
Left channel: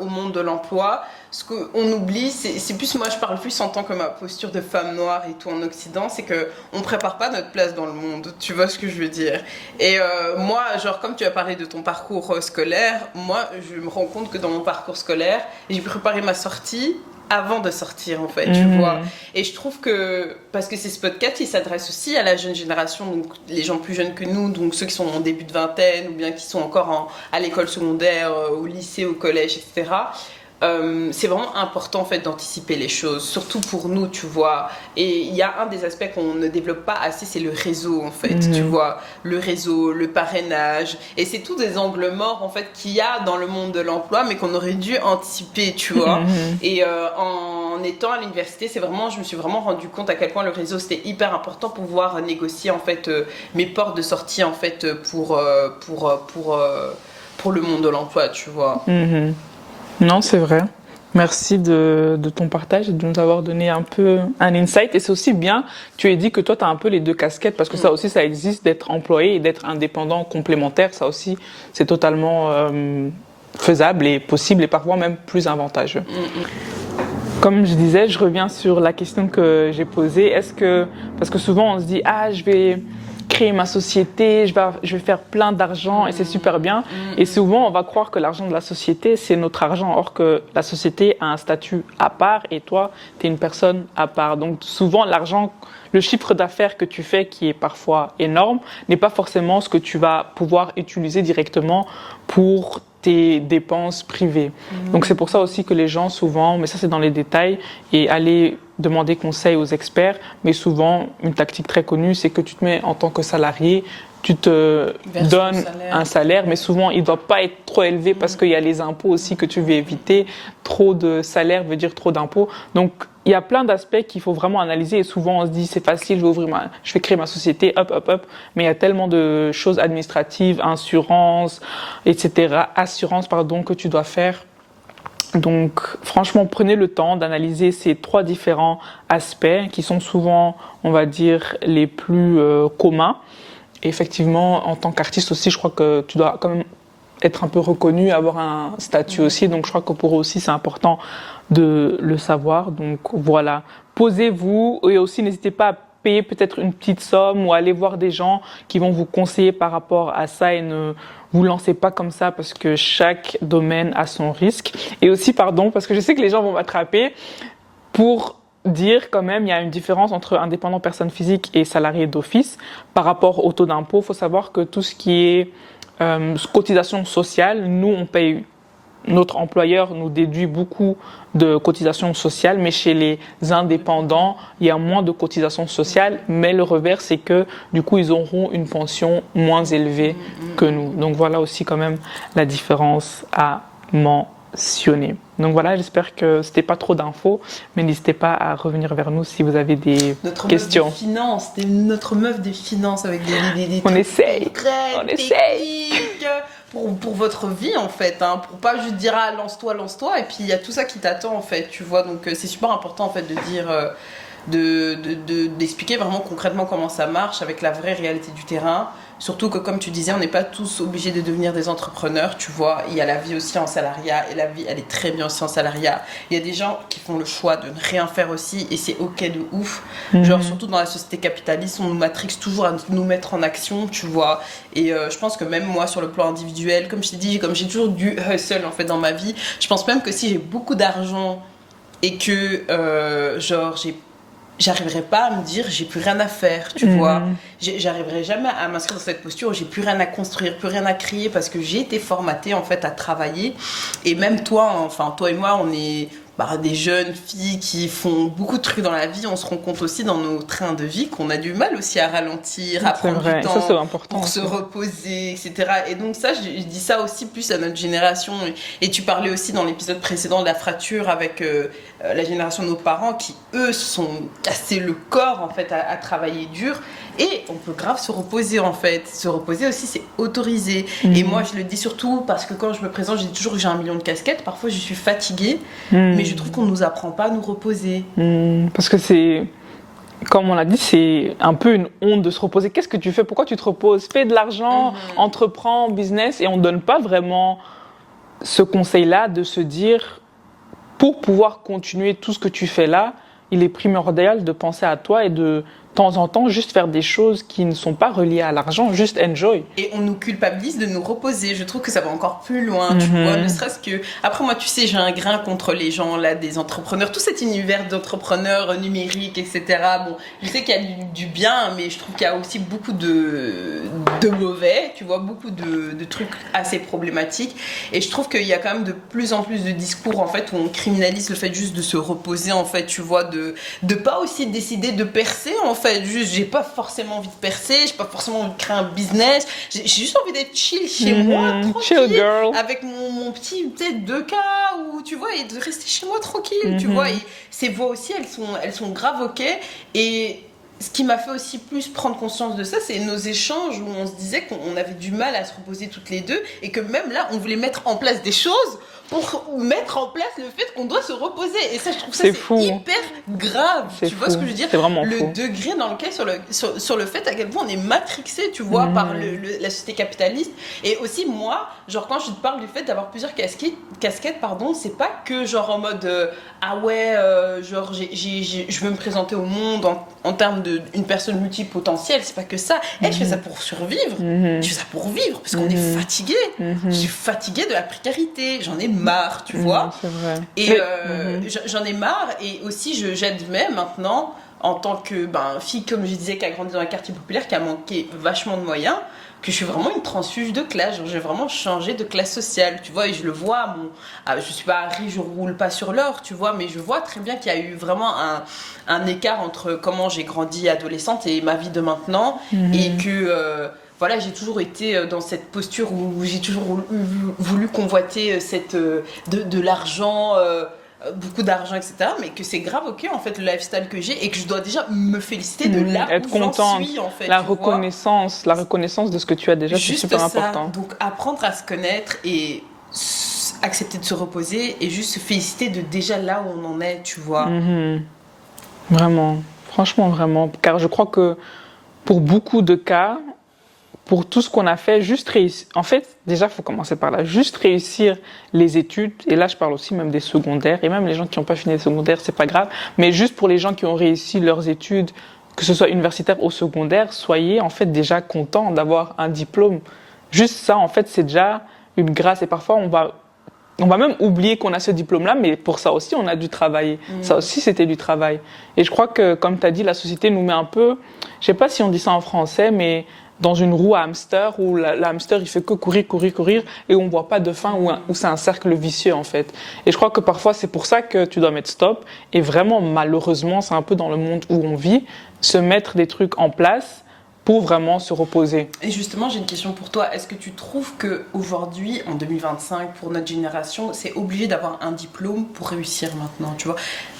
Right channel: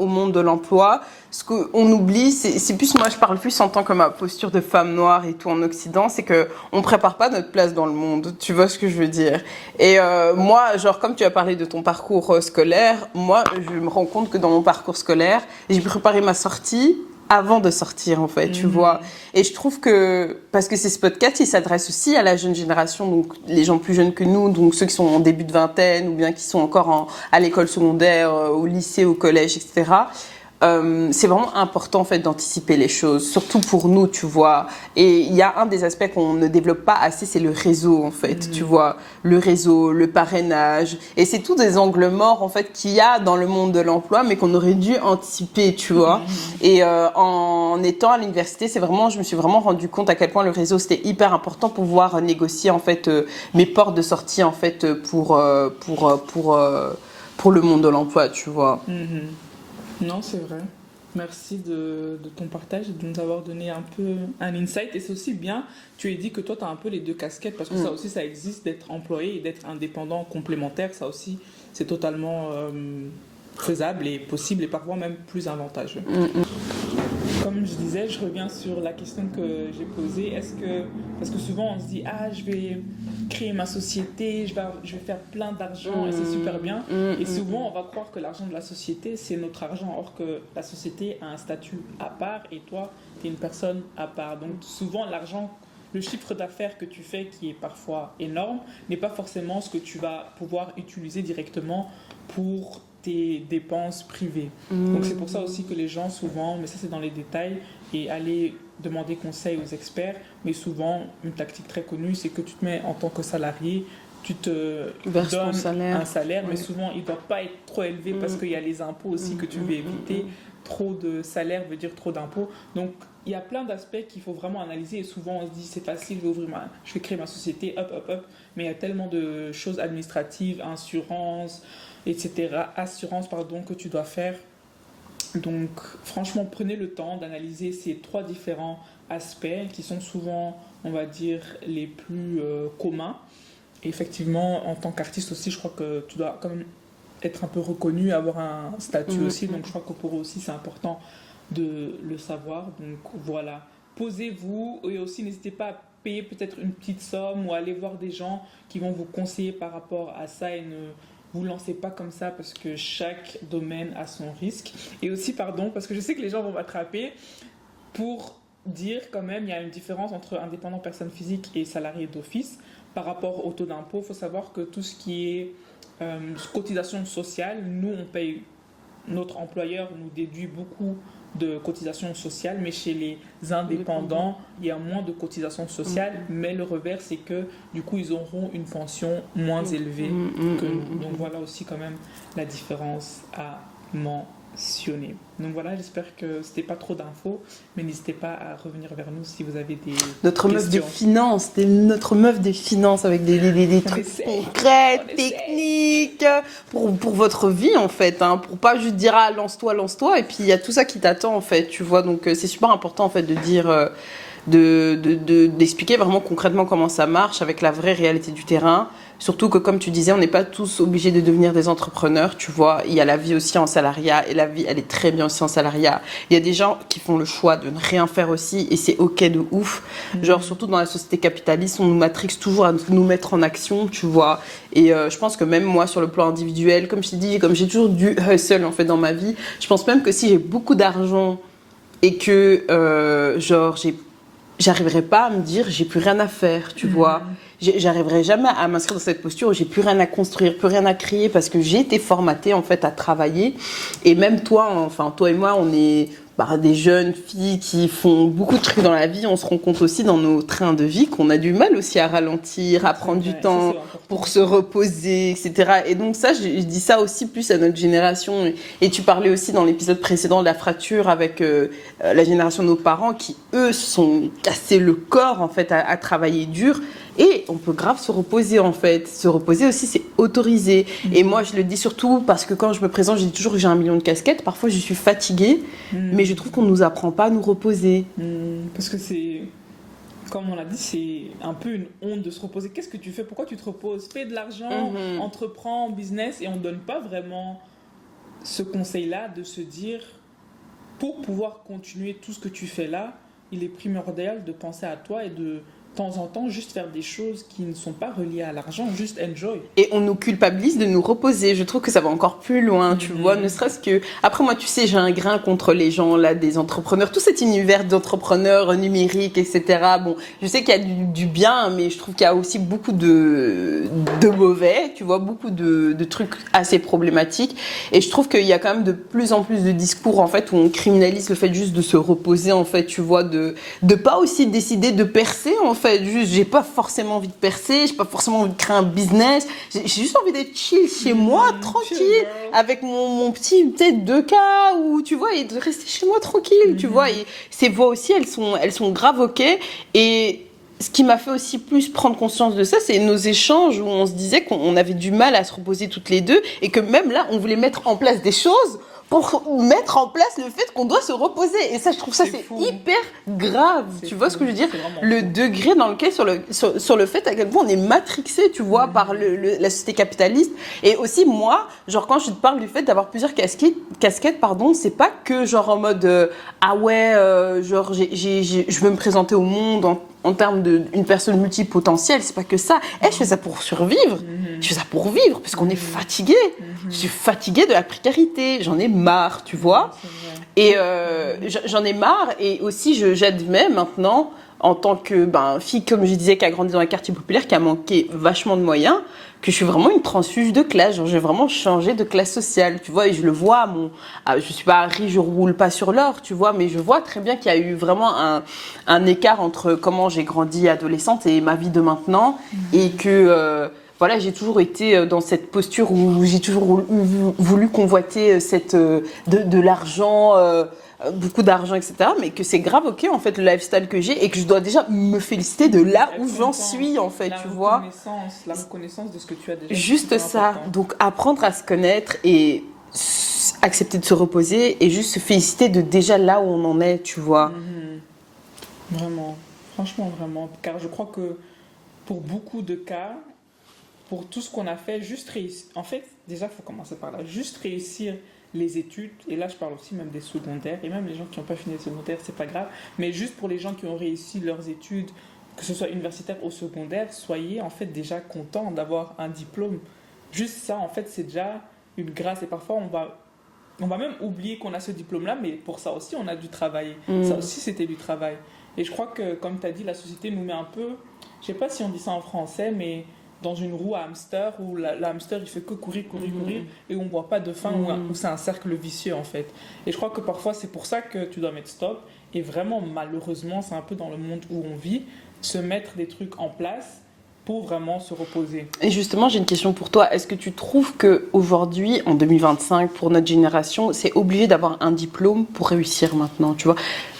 au monde de l'emploi, ce qu'on oublie, c'est plus, moi je parle plus en tant que ma posture de femme noire et tout en Occident, c'est qu'on ne prépare pas notre place dans le monde, tu vois ce que je veux dire. Et moi, genre comme tu as parlé de ton parcours scolaire, moi je me rends compte que dans mon parcours scolaire, j'ai préparé ma sortie avant de sortir en fait, tu vois. Et je trouve que, parce que ce podcast, il s'adresse aussi à la jeune génération, donc les gens plus jeunes que nous, donc ceux qui sont en début de vingtaine ou bien qui sont encore à l'école secondaire, au lycée, au collège, etc. C'est vraiment important en fait d'anticiper les choses, surtout pour nous, tu vois. Et il y a un des aspects qu'on ne développe pas assez, c'est le réseau en fait, tu vois. Le réseau, le parrainage, et c'est tous des angles morts en fait qu'il y a dans le monde de l'emploi, mais qu'on aurait dû anticiper, tu vois. Et en étant à l'université, je me suis vraiment rendu compte à quel point le réseau c'était hyper important pour pouvoir négocier en fait mes portes de sortie en fait pour le monde de l'emploi, tu vois. Non, c'est vrai. Merci de ton partage et de nous avoir donné un peu un insight. Et c'est aussi bien, tu as dit que toi, tu as un peu les deux casquettes, parce que ça aussi, ça existe d'être employé et d'être indépendant complémentaire. Ça aussi, c'est totalement faisable et possible et parfois même plus avantageux. Comme je disais, je reviens sur la question que j'ai posée. Parce que souvent, on se dit, je vais créer ma société, je vais faire plein d'argent et c'est super bien. Et souvent, on va croire que l'argent de la société, c'est notre argent, or que la société a un statut à part et toi, tu es une personne à part. Donc souvent, l'argent, le chiffre d'affaires que tu fais, qui est parfois énorme, n'est pas forcément ce que tu vas pouvoir utiliser directement pour tes dépenses privées. Donc c'est pour ça aussi que les gens souvent, mais ça c'est dans les détails, et aller demander conseil aux experts, mais souvent une tactique très connue, c'est que tu te mets en tant que salarié, tu te donnes un salaire, mais souvent il ne doit pas être trop élevé parce qu'il y a les impôts aussi que tu veux éviter. Trop de salaire veut dire trop d'impôts. Donc il y a plein d'aspects qu'il faut vraiment analyser et souvent on se dit c'est facile, je vais créer ma société, hop, mais il y a tellement de choses administratives, assurance, que tu dois faire. Donc franchement, prenez le temps d'analyser ces 3 différents aspects qui sont souvent, on va dire, les plus communs. Et effectivement, en tant qu'artiste aussi, je crois que tu dois quand même être un peu reconnu, avoir un statut aussi. Donc je crois que pour eux aussi, c'est important de le savoir. Donc voilà, posez-vous et aussi n'hésitez pas à payer peut-être une petite somme ou aller voir des gens qui vont vous conseiller par rapport à ça et ne vous lancez pas comme ça parce que chaque domaine a son risque. Et aussi, parce que je sais que les gens vont m'attraper pour dire quand même il y a une différence entre indépendant personne physique et salarié d'office par rapport au taux d'impôt. Il faut savoir que tout ce qui est cotisation sociale, nous on paye, notre employeur nous déduit beaucoup de cotisations sociales, mais chez les indépendants, il y a moins de cotisations sociales, mais le revers, c'est que du coup, ils auront une pension moins élevée que nous. Donc voilà aussi quand même la différence à mentionner. mentionné. Donc voilà, j'espère que c'était pas trop d'infos, mais n'hésitez pas à revenir vers nous si vous avez des questions. Notre meuf des finances avec des On trucs essaye. concrets, techniques pour votre vie en fait, hein, pour pas juste dire ah lance-toi et puis il y a tout ça qui t'attend en fait, tu vois. Donc c'est super important en fait de dire d'expliquer vraiment concrètement comment ça marche avec la vraie réalité du terrain. Surtout que, comme tu disais, on n'est pas tous obligés de devenir des entrepreneurs, tu vois. Il y a la vie aussi en salariat, et la vie, elle est très bien aussi en salariat. Il y a des gens qui font le choix de ne rien faire aussi, et c'est ok de ouf. Genre, surtout dans la société capitaliste, on nous matrixe toujours à nous mettre en action, tu vois. Et je pense que même moi, sur le plan individuel, comme je t'ai dit, comme j'ai toujours du hustle, en fait, dans ma vie, je pense même que si j'ai beaucoup d'argent et que, j'arriverai pas à me dire j'ai plus rien à faire, tu vois. J'arriverai jamais à m'inscrire dans cette posture où j'ai plus rien à construire, plus rien à créer parce que j'ai été formatée en fait à travailler. Et même toi, enfin toi et moi, on est des jeunes filles qui font beaucoup de trucs dans la vie. On se rend compte aussi dans nos trains de vie qu'on a du mal aussi à ralentir, à prendre du temps pour se reposer, etc. Et donc ça, je dis ça aussi plus à notre génération. Et tu parlais aussi dans l'épisode précédent de la fracture avec la génération de nos parents qui, eux, se sont cassés le corps en fait à travailler dur. Et on peut grave se reposer en fait. Se reposer aussi, c'est autorisé. Et moi, je le dis surtout parce que quand je me présente, je dis toujours que j'ai 1 million de casquettes. Parfois, je suis fatiguée, mais je trouve qu'on ne nous apprend pas à nous reposer. Parce que c'est, comme on l'a dit, c'est un peu une honte de se reposer. Qu'est-ce que tu fais? Pourquoi tu te reposes? Fais de l'argent, entreprends, business. Et on ne donne pas vraiment ce conseil-là de se dire, pour pouvoir continuer tout ce que tu fais là, il est primordial de penser à toi et de temps en temps, juste faire des choses qui ne sont pas reliées à l'argent, juste enjoy. Et on nous culpabilise de nous reposer. Je trouve que ça va encore plus loin, tu vois. Ne serait-ce que... Après, moi, tu sais, j'ai un grain contre les gens, là, des entrepreneurs. Tout cet univers d'entrepreneurs numériques, etc. Bon, je sais qu'il y a du bien, mais je trouve qu'il y a aussi beaucoup de mauvais, tu vois, beaucoup de trucs assez problématiques. Et je trouve qu'il y a quand même de plus en plus de discours, en fait, où on criminalise le fait juste de se reposer, en fait, tu vois, de pas aussi décider de percer, en fait. Juste, j'ai pas forcément envie de percer, j'ai pas forcément envie de créer un business, j'ai juste envie d'être chill chez moi, tranquille, avec mon petit peut-être 2K ou tu vois, et de rester chez moi tranquille, tu vois. Et ces voix aussi, elles sont grave ok. Et ce qui m'a fait aussi plus prendre conscience de ça, c'est nos échanges où on se disait qu'on avait du mal à se reposer toutes les deux et que même là, on voulait mettre en place des choses pour mettre en place le fait qu'on doit se reposer. Et ça, je trouve ça c'est hyper grave. Tu vois ce que je veux dire? Le degré dans lequel, sur le fait à quel point on est matrixé, tu vois, par la société capitaliste. Et aussi, moi, genre, quand je te parle du fait d'avoir plusieurs casquettes, pardon, c'est pas que genre en mode ah ouais, genre, je veux me présenter au monde en termes d'une personne multipotentielle. C'est pas que ça. Je fais ça pour survivre. Je fais ça pour vivre parce qu'on est fatigué. Je suis fatiguée de la précarité. J'en ai marre, tu vois. C'est vrai. Et j'en ai marre. Et aussi, j'admets maintenant, en tant que fille, comme je disais, qui a grandi dans un quartier populaire, qui a manqué vachement de moyens, que je suis vraiment une transfuge de classe. Genre, j'ai vraiment changé de classe sociale, tu vois. Et je le vois, je suis pas riche, je roule pas sur l'or, tu vois. Mais je vois très bien qu'il y a eu vraiment un écart entre comment j'ai grandi adolescente et ma vie de maintenant. Et que... voilà, j'ai toujours été dans cette posture où j'ai toujours voulu convoiter de l'argent, beaucoup d'argent, etc. Mais que c'est grave ok, en fait, le lifestyle que j'ai et que je dois déjà me féliciter de là où j'en suis, en fait. La reconnaissance de ce que tu as déjà, c'est super important. Donc, apprendre à se connaître et accepter de se reposer et juste se féliciter de déjà là où on en est, tu vois. Vraiment, franchement, vraiment. Car je crois que pour beaucoup de cas, pour tout ce qu'on a fait, juste réussir. En fait, déjà, il faut commencer par là. Juste réussir les études. Et là, je parle aussi même des secondaires. Et même les gens qui n'ont pas fini les secondaires, c'est pas grave. Mais juste pour les gens qui ont réussi leurs études, que ce soit universitaire ou secondaire, soyez en fait déjà contents d'avoir un diplôme. Juste ça, en fait, c'est déjà une grâce. Et parfois, on va même oublier qu'on a ce diplôme-là, mais pour ça aussi, on a dû travailler. Ça aussi, c'était du travail. Et je crois que, comme tu as dit, la société nous met un peu... Je sais pas si on dit ça en français, mais... dans une roue à hamster où l'hamster il fait que courir et on voit pas de fin, où c'est un cercle vicieux en fait. Et je crois que parfois c'est pour ça que tu dois mettre stop et vraiment malheureusement c'est un peu dans le monde où on vit, se mettre des trucs en place pour vraiment se reposer. Et justement, j'ai une question pour toi. Est-ce que tu trouves qu'aujourd'hui, en 2025, pour notre génération, c'est obligé d'avoir un diplôme pour réussir maintenant, tu vois?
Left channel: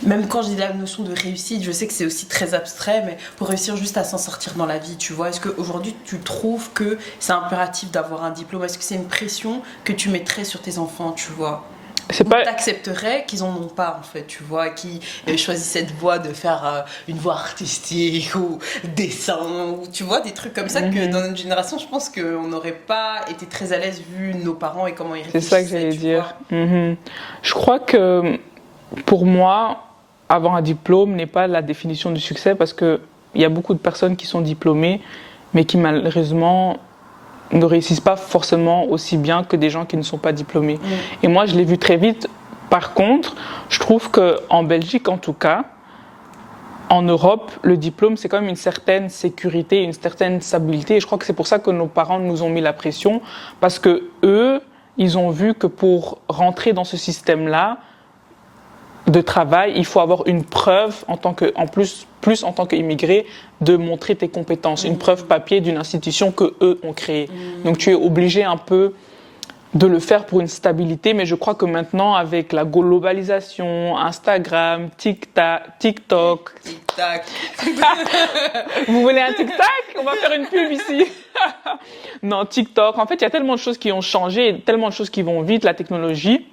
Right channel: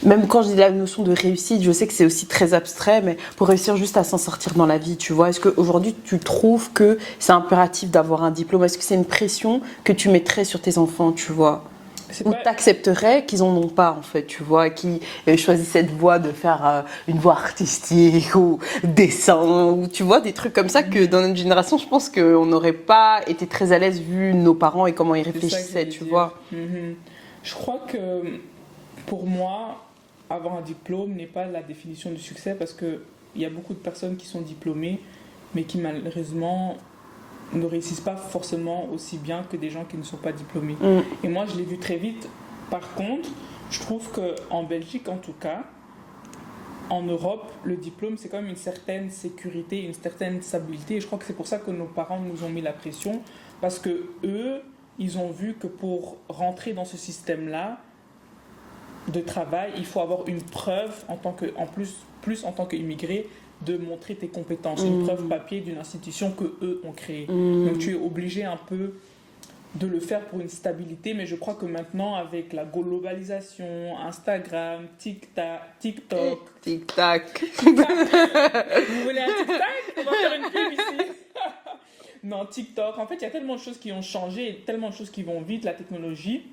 Même quand je dis la notion de réussite, je sais que c'est aussi très abstrait, mais pour réussir juste à s'en sortir dans la vie, tu vois? Est-ce qu'aujourd'hui, tu trouves que c'est impératif d'avoir un diplôme? Est-ce que c'est une pression que tu mettrais sur tes enfants, tu vois? Ou t'accepterais qu'ils en ont pas, en fait, tu vois, qui choisissent cette voie de faire une voie artistique ou dessin, ou tu vois, des trucs comme ça que dans notre génération, je pense qu'on n'aurait pas été très à l'aise vu nos parents et comment ils réfléchissaient, c'est ça que j'allais tu dire. vois. Je crois que pour moi, avoir un diplôme n'est pas la définition du succès parce qu'il y a beaucoup de personnes qui sont diplômées, mais qui malheureusement ne réussissent pas forcément aussi bien que des gens qui ne sont pas diplômés. Et moi, je l'ai vu très vite. Par contre, je trouve qu'en Belgique, en tout cas, en Europe, le diplôme, c'est quand même une certaine sécurité, une certaine stabilité. Et je crois que c'est pour ça que nos parents nous ont mis la pression, parce que eux, ils ont vu que pour rentrer dans ce système-là de travail, il faut avoir une preuve plus en tant qu'immigré de montrer tes compétences, une preuve papier d'une institution que eux ont créée. Donc tu es obligé un peu de le faire pour une stabilité, mais je crois que maintenant avec la globalisation, Instagram, TikTok. Vous voulez un TikTok? On va faire une pub ici. Non, TikTok. En fait, il y a tellement de choses qui ont changé, tellement de choses qui vont vite, la technologie,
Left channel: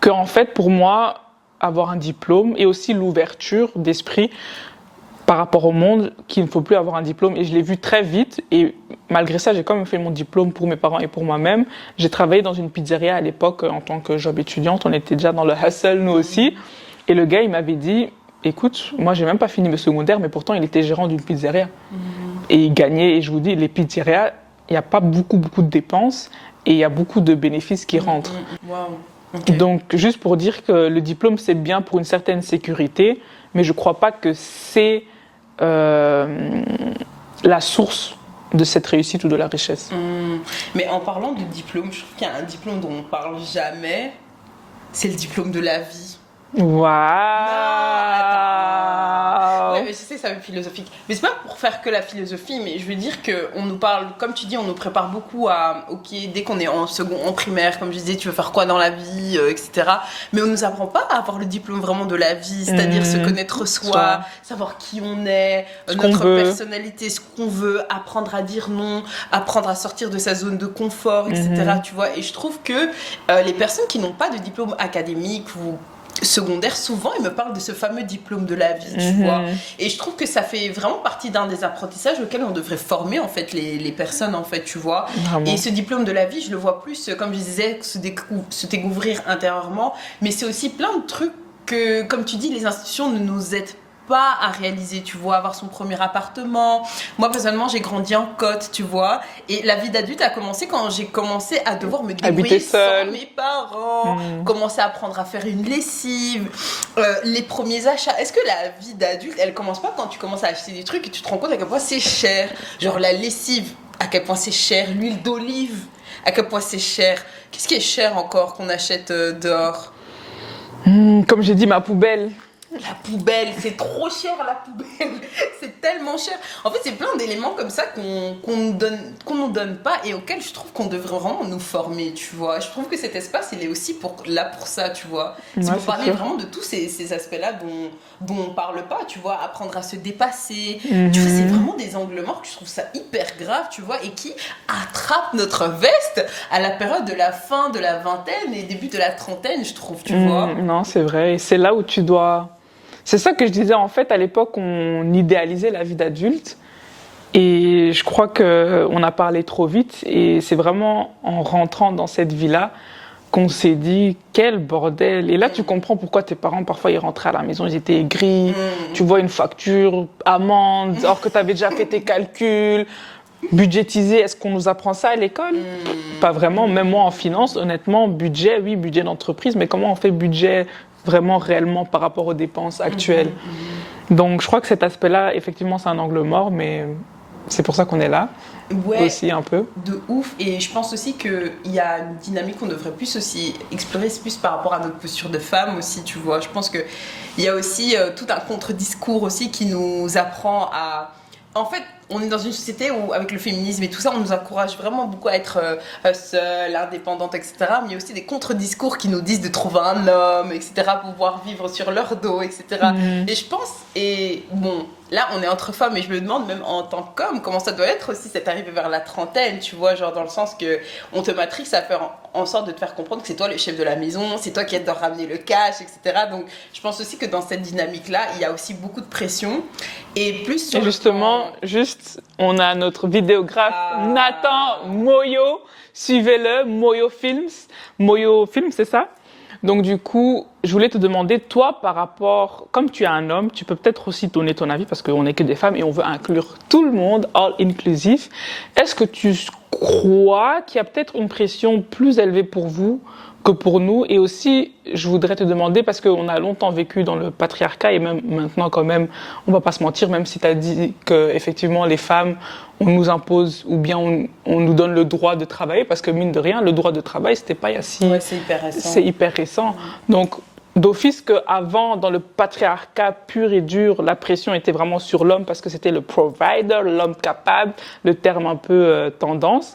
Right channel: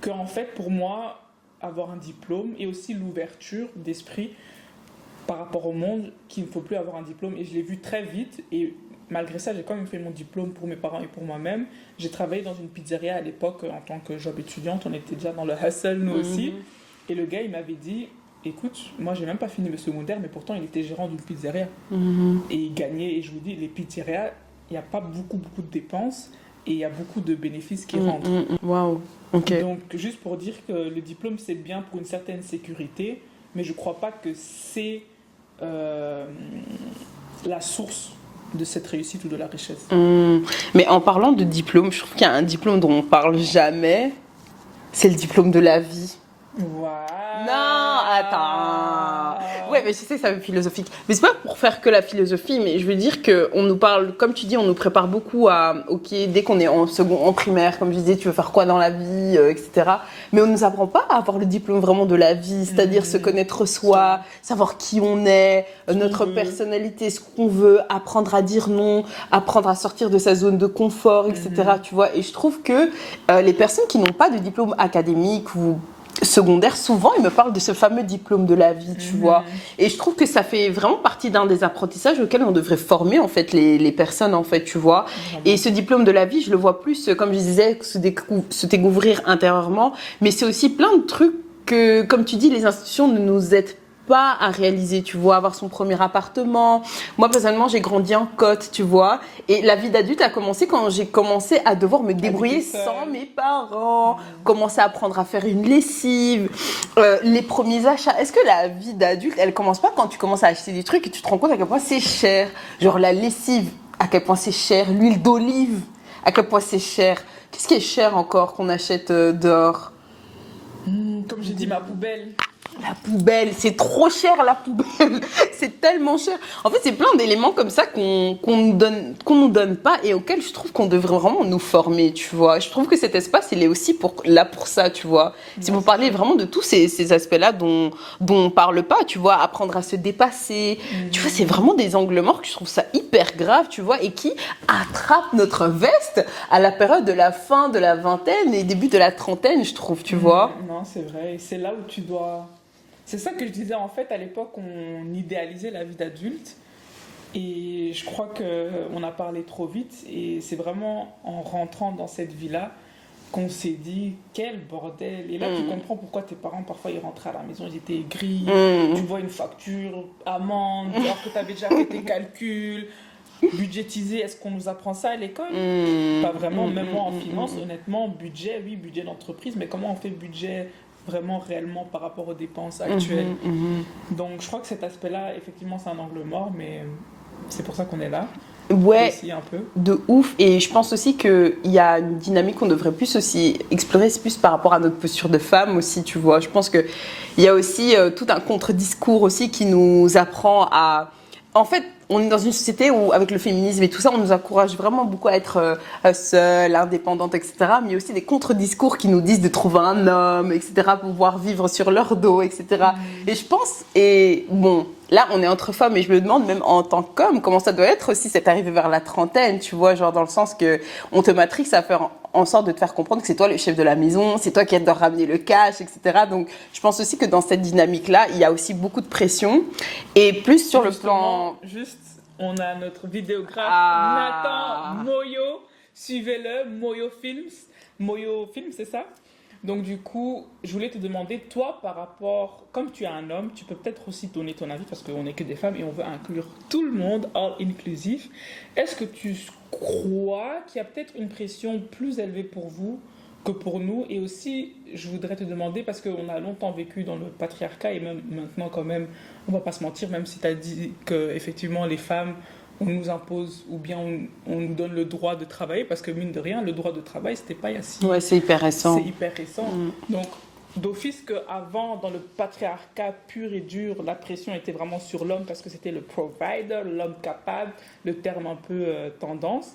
que en fait, pour moi, avoir un diplôme et aussi l'ouverture d'esprit par rapport au monde, qu'il ne faut plus avoir un diplôme. Et je l'ai vu très vite. Et malgré ça, j'ai quand même fait mon diplôme pour mes parents et pour moi-même. J'ai travaillé dans une pizzeria à l'époque en tant que job étudiante. On était déjà dans le hustle, nous aussi. Et le gars, il m'avait dit, écoute, moi, j'ai même pas fini mes secondaires, mais pourtant, il était gérant d'une pizzeria. Et il gagnait. Et je vous dis, les pizzerias, il n'y a pas beaucoup de dépenses et il y a beaucoup de bénéfices qui rentrent. Wow. Okay. Donc, juste pour dire que le diplôme, c'est bien pour une certaine sécurité, mais je ne crois pas que c'est la source de cette réussite ou de la richesse. Mais en parlant de diplôme, je trouve qu'il y a un diplôme dont on ne parle jamais, c'est le diplôme de la vie. Waouh! Non, attends. Ouais, mais je sais que ça va être philosophique. Mais c'est pas pour faire que la philosophie, mais je veux dire qu'on nous parle, comme tu dis, on nous prépare beaucoup à, ok, dès qu'on est en primaire, comme je disais, tu veux faire quoi dans la vie, etc. Mais on nous apprend pas à avoir le diplôme vraiment de la vie, c'est-à-dire se connaître soi, savoir qui on est, notre personnalité, ce qu'on veut, apprendre à dire non, apprendre à sortir de sa zone de confort, etc. Tu vois. Et je trouve que les personnes qui n'ont pas de diplôme académique ou secondaire, souvent ils me parlent de ce fameux diplôme de la vie, tu vois, et je trouve que ça fait vraiment partie d'un des apprentissages auxquels on devrait former en fait les personnes, en fait, tu vois. Vraiment. Et ce diplôme de la vie, je le vois plus, comme je disais, se découvrir intérieurement, mais c'est aussi plein de trucs que, comme tu dis, les institutions ne nous aident pas à réaliser, tu vois, avoir son premier appartement. Moi, personnellement, j'ai grandi en Côte, tu vois, et la vie d'adulte a commencé quand j'ai commencé à devoir me débrouiller sans mes parents, commencer à apprendre à faire une lessive, les premiers achats. Est-ce que la vie d'adulte, elle commence pas quand tu commences à acheter des trucs et tu te rends compte à quel point c'est cher? Genre la lessive, à quel point c'est cher, l'huile d'olive, à quel point c'est cher. Qu'est-ce qui est cher encore qu'on achète dehors? Comme j'ai dit, ma poubelle. La poubelle, c'est trop cher, la poubelle, c'est tellement cher. En fait, c'est plein d'éléments comme ça qu'on nous donne pas et auxquels je trouve qu'on devrait vraiment nous former, tu vois. Je trouve que cet espace, il est aussi là pour ça, tu vois. C'est pour parler vraiment de tous ces aspects-là dont on parle pas, tu vois. Apprendre à se dépasser, tu vois, c'est vraiment des angles morts que je trouve ça hyper grave, tu vois, et qui attrapent notre veste à la période de la fin de la vingtaine et début de la trentaine, je trouve, tu vois. Non, c'est vrai. Et c'est là où tu dois... C'est ça que je disais, en fait, à l'époque, on idéalisait la vie d'adulte. Et je crois qu'on a parlé trop vite. Et c'est vraiment en rentrant dans cette vie-là qu'on s'est dit, quel bordel. Et là, tu comprends pourquoi tes parents, parfois, ils rentraient à la maison, ils étaient aigris. Tu vois une facture, amende, alors que tu avais déjà fait tes calculs. Budgétiser, est-ce qu'on nous apprend ça à l'école? Pas vraiment. Même moi, en finance, honnêtement, budget, oui, budget d'entreprise. Mais comment on fait budget vraiment réellement par rapport aux dépenses actuelles? Donc je crois que cet aspect-là, effectivement, c'est un angle mort, mais c'est pour ça qu'on est là. Ouais, aussi un peu. De ouf. Et je pense aussi qu'il y a une dynamique qu'on devrait plus aussi explorer, c'est plus par rapport à notre posture de femme aussi, tu vois. Je pense qu'il y a aussi tout un contre-discours aussi qui nous apprend à... En fait, on est dans une société où, avec le féminisme et tout ça, on nous encourage vraiment beaucoup à être seule, indépendante, etc. Mais il y a aussi des contre-discours qui nous disent de trouver un homme, etc., pour pouvoir vivre sur leur dos, etc. Et je pense, et bon, là, on est entre femmes, et je me demande, même en tant qu'homme, comment ça doit être aussi, cette arrivée vers la trentaine, tu vois, genre dans le sens que on te matrixe à faire en sorte de te faire comprendre que c'est toi le chef de la maison, c'est toi qui dois ramener le cash, etc. Donc, je pense aussi que dans cette dynamique-là, il y a aussi beaucoup de pression. Et plus sur justement, on a notre vidéographe Nathan Moyo. Suivez-le, Moyo Films. Moyo Films, c'est ça? Donc du coup, je voulais te demander, toi, par rapport, comme tu es un homme, tu peux peut-être aussi donner ton avis parce qu'on n'est que des femmes et on veut inclure tout le monde, all inclusif. Est-ce que tu crois qu'il y a peut-être une pression plus élevée pour vous que pour nous? Et aussi, je voudrais te demander, parce qu'on a longtemps vécu dans le patriarcat et même maintenant quand même, on va pas se mentir, même si tu as dit qu'effectivement les femmes, on nous impose ou bien on nous donne le droit de travailler, parce que mine de rien, le droit de travail, c'était pas il y a si... Ouais, c'est hyper récent. C'est hyper récent. Donc, d'office qu'avant, dans le patriarcat pur et dur, la pression était vraiment sur l'homme parce que c'était le provider, l'homme capable, le terme un peu tendance.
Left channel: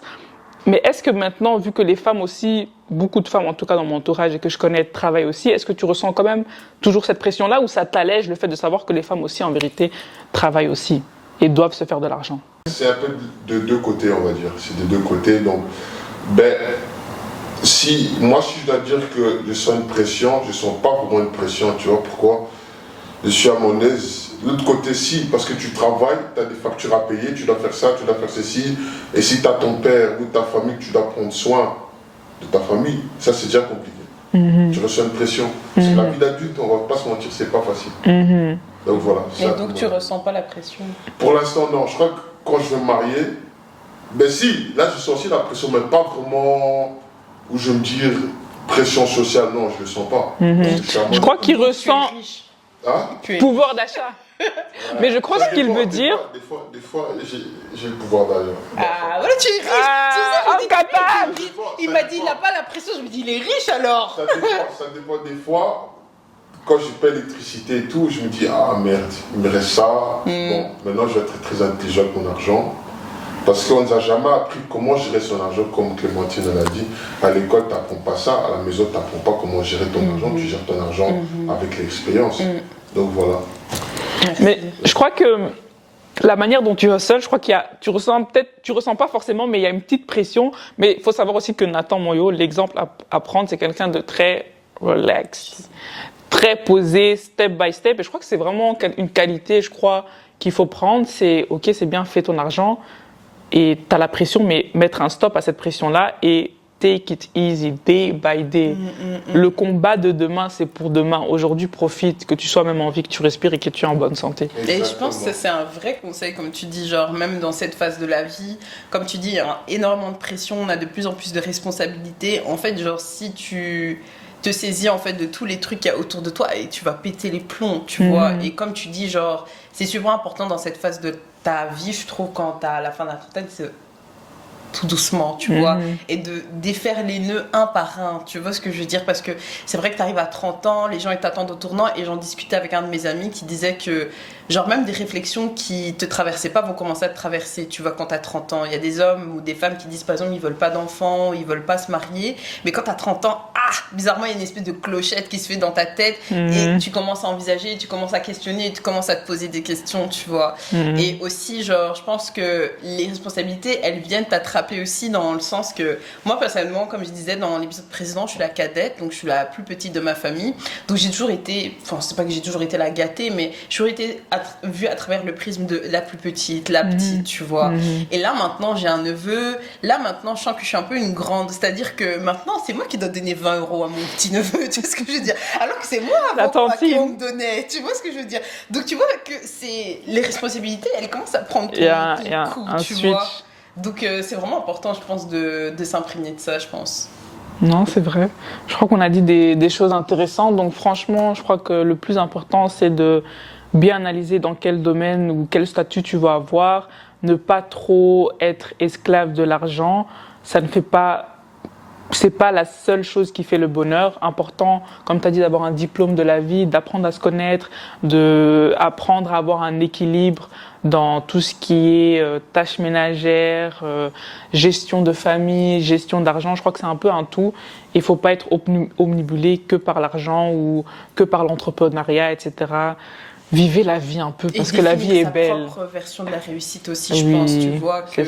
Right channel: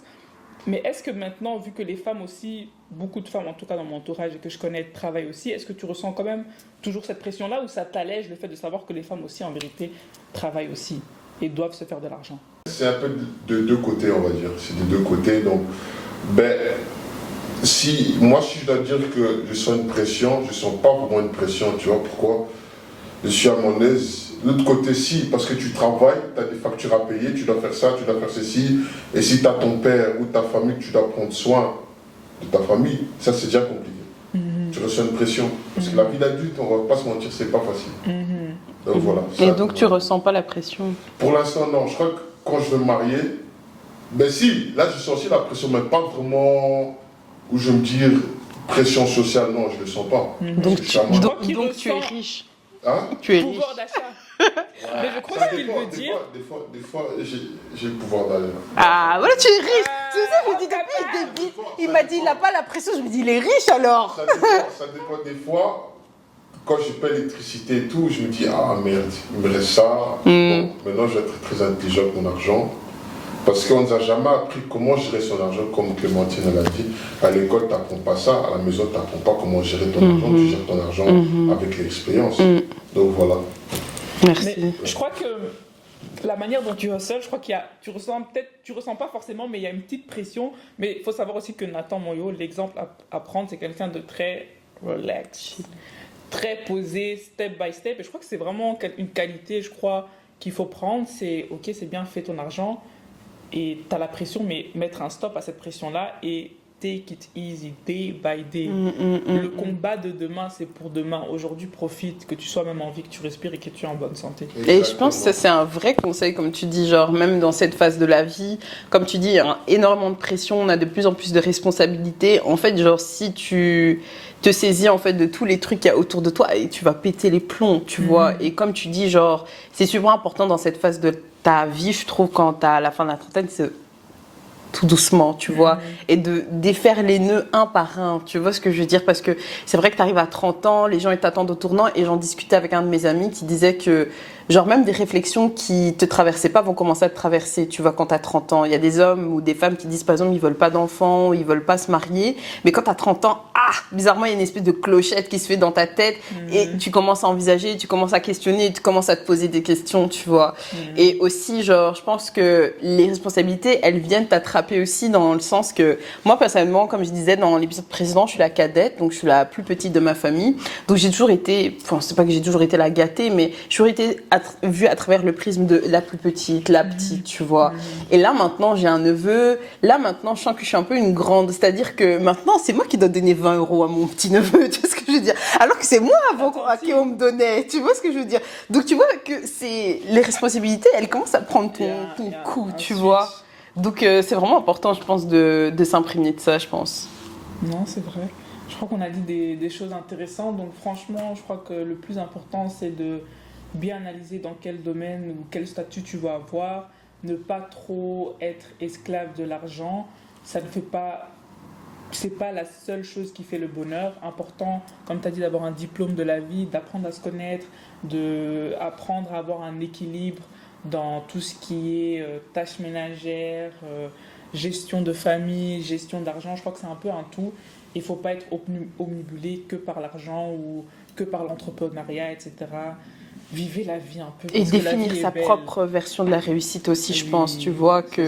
Mais est-ce que maintenant, vu que les femmes aussi, beaucoup de femmes, en tout cas dans mon entourage et que je connais, travaillent aussi, est-ce que tu ressens quand même toujours cette pression-là ou ça t'allège le fait de savoir que les femmes aussi, en vérité, travaillent aussi et doivent se faire de l'argent? C'est un peu de deux côtés, on va dire. C'est de deux côtés. Donc, si je dois dire que je sens une pression, je ne sens pas vraiment une pression, tu vois pourquoi? Je suis à mon aise. L'autre côté, si, parce que tu travailles, tu as des factures à payer, tu dois faire ça, tu dois faire ceci. Et si tu as ton père ou ta famille, que tu dois prendre soin de ta famille, ça c'est déjà compliqué. Tu ressens une pression. Parce que la vie d'adulte, on ne va pas se mentir, c'est pas facile. Donc voilà. Et donc tu ressens pas la pression? Pour l'instant, non. Je crois que quand je vais me marier, si, là je sens aussi la pression, mais pas vraiment où je me dis pression sociale, non, je ne le sens pas. Je crois qu'il ressent pouvoir riche. d'achat. Mais je crois ce qu'il veut dire. Des fois j'ai le pouvoir d'achat. Ah, voilà, tu es riche. Tu sais, je dis, capable. il m'a dit, il n'a pas la pression. Je me dis, il est riche alors. Ça dépend des fois. Quand je paie l'électricité et tout, je me dis, ah merde, il me reste ça. Bon, maintenant je vais être très intelligent avec mon argent. Parce qu'on ne nous a jamais appris comment gérer son argent, comme Clémentine l'a dit. À l'école, tu n'apprends pas ça. À la maison, tu n'apprends pas comment gérer ton argent. Tu gères ton argent avec l'expérience. Donc voilà. Merci. Mais je crois que la manière dont tu hustles, je crois tu ressens pas forcément, mais il y a une petite pression. Mais il faut savoir aussi que Nathan Moyo, l'exemple à prendre, c'est quelqu'un de très relax, très posé, step by step. Et je crois que c'est vraiment une qualité, je crois, qu'il faut prendre. C'est, ok, c'est bien, fais ton argent. Et tu as la pression, mais mettre un stop à cette pression-là et take it easy, day by day. Le combat de demain, c'est pour demain. Aujourd'hui, profite, que tu sois même en vie, que tu respires et que tu es en bonne santé. Et je pense que ça, c'est un vrai conseil, comme tu dis, genre même dans cette phase de la vie, comme tu dis, il y a énormément de pression, on a de plus en plus de responsabilités. En fait, genre, si tu te saisis en fait de tous les trucs qu'il y a autour de toi et tu vas péter les plombs, tu vois. Et comme tu dis, genre, c'est super important dans cette phase de ta vie, je trouve, quand t'as à la fin de la trentaine, c'est tout doucement, tu vois, et de défaire les nœuds un par un, tu vois ce que je veux dire, parce que c'est vrai que tu arrives à 30 ans, les gens ils t'attendent au tournant, et j'en discutais avec un de mes amis qui disait que genre même des réflexions qui te traversaient pas vont commencer à te traverser, tu vois, quand t'as 30 ans. Il y a des hommes ou des femmes qui disent par exemple ils veulent pas d'enfants, ils veulent pas se marier, mais quand t'as 30 ans, bizarrement il y a une espèce de clochette qui se fait dans ta tête et tu commences à envisager, tu commences à questionner, tu commences à te poser des questions, tu vois. Et aussi genre je pense que les responsabilités elles viennent t'attraper aussi dans le sens que moi personnellement, comme je disais dans l'épisode précédent, je suis la cadette, donc je suis la plus petite de ma famille, donc j'ai toujours été, enfin c'est pas que j'ai toujours été la gâtée, mais j'ai toujours été vue à travers le prisme de la plus petite, la petite, tu vois. Et là maintenant j'ai un neveu, là maintenant je sens que je suis un peu une grande, c'est-à-dire que maintenant c'est moi qui dois donner 20 € à mon petit neveu, tu vois ce que je veux dire, alors que c'est moi avant qui on me donnait, tu vois ce que je veux dire. Donc tu vois que c'est les responsabilités, elles commencent à prendre ton coup, tu vois. Donc c'est vraiment important, je pense, de s'imprégner de ça, je pense. Non, c'est vrai. Je crois qu'on a dit des choses intéressantes. Donc franchement, je crois que le plus important, c'est de bien analyser dans quel domaine ou quel statut tu vas avoir. Ne pas trop être esclave de l'argent. Ça ne fait pas c'est pas la seule chose qui fait le bonheur. Important, comme tu as dit, d'avoir un diplôme de la vie, d'apprendre à se connaître, d'apprendre à avoir un équilibre dans tout ce qui est tâches ménagères, gestion de famille, gestion d'argent. Je crois que c'est un peu un tout. Il ne faut pas être omnibulé que par l'argent ou que par l'entrepreneuriat, etc. Vivez la vie un peu parce que la vie est belle. Et sa propre version de la réussite aussi, je pense. Tu vois que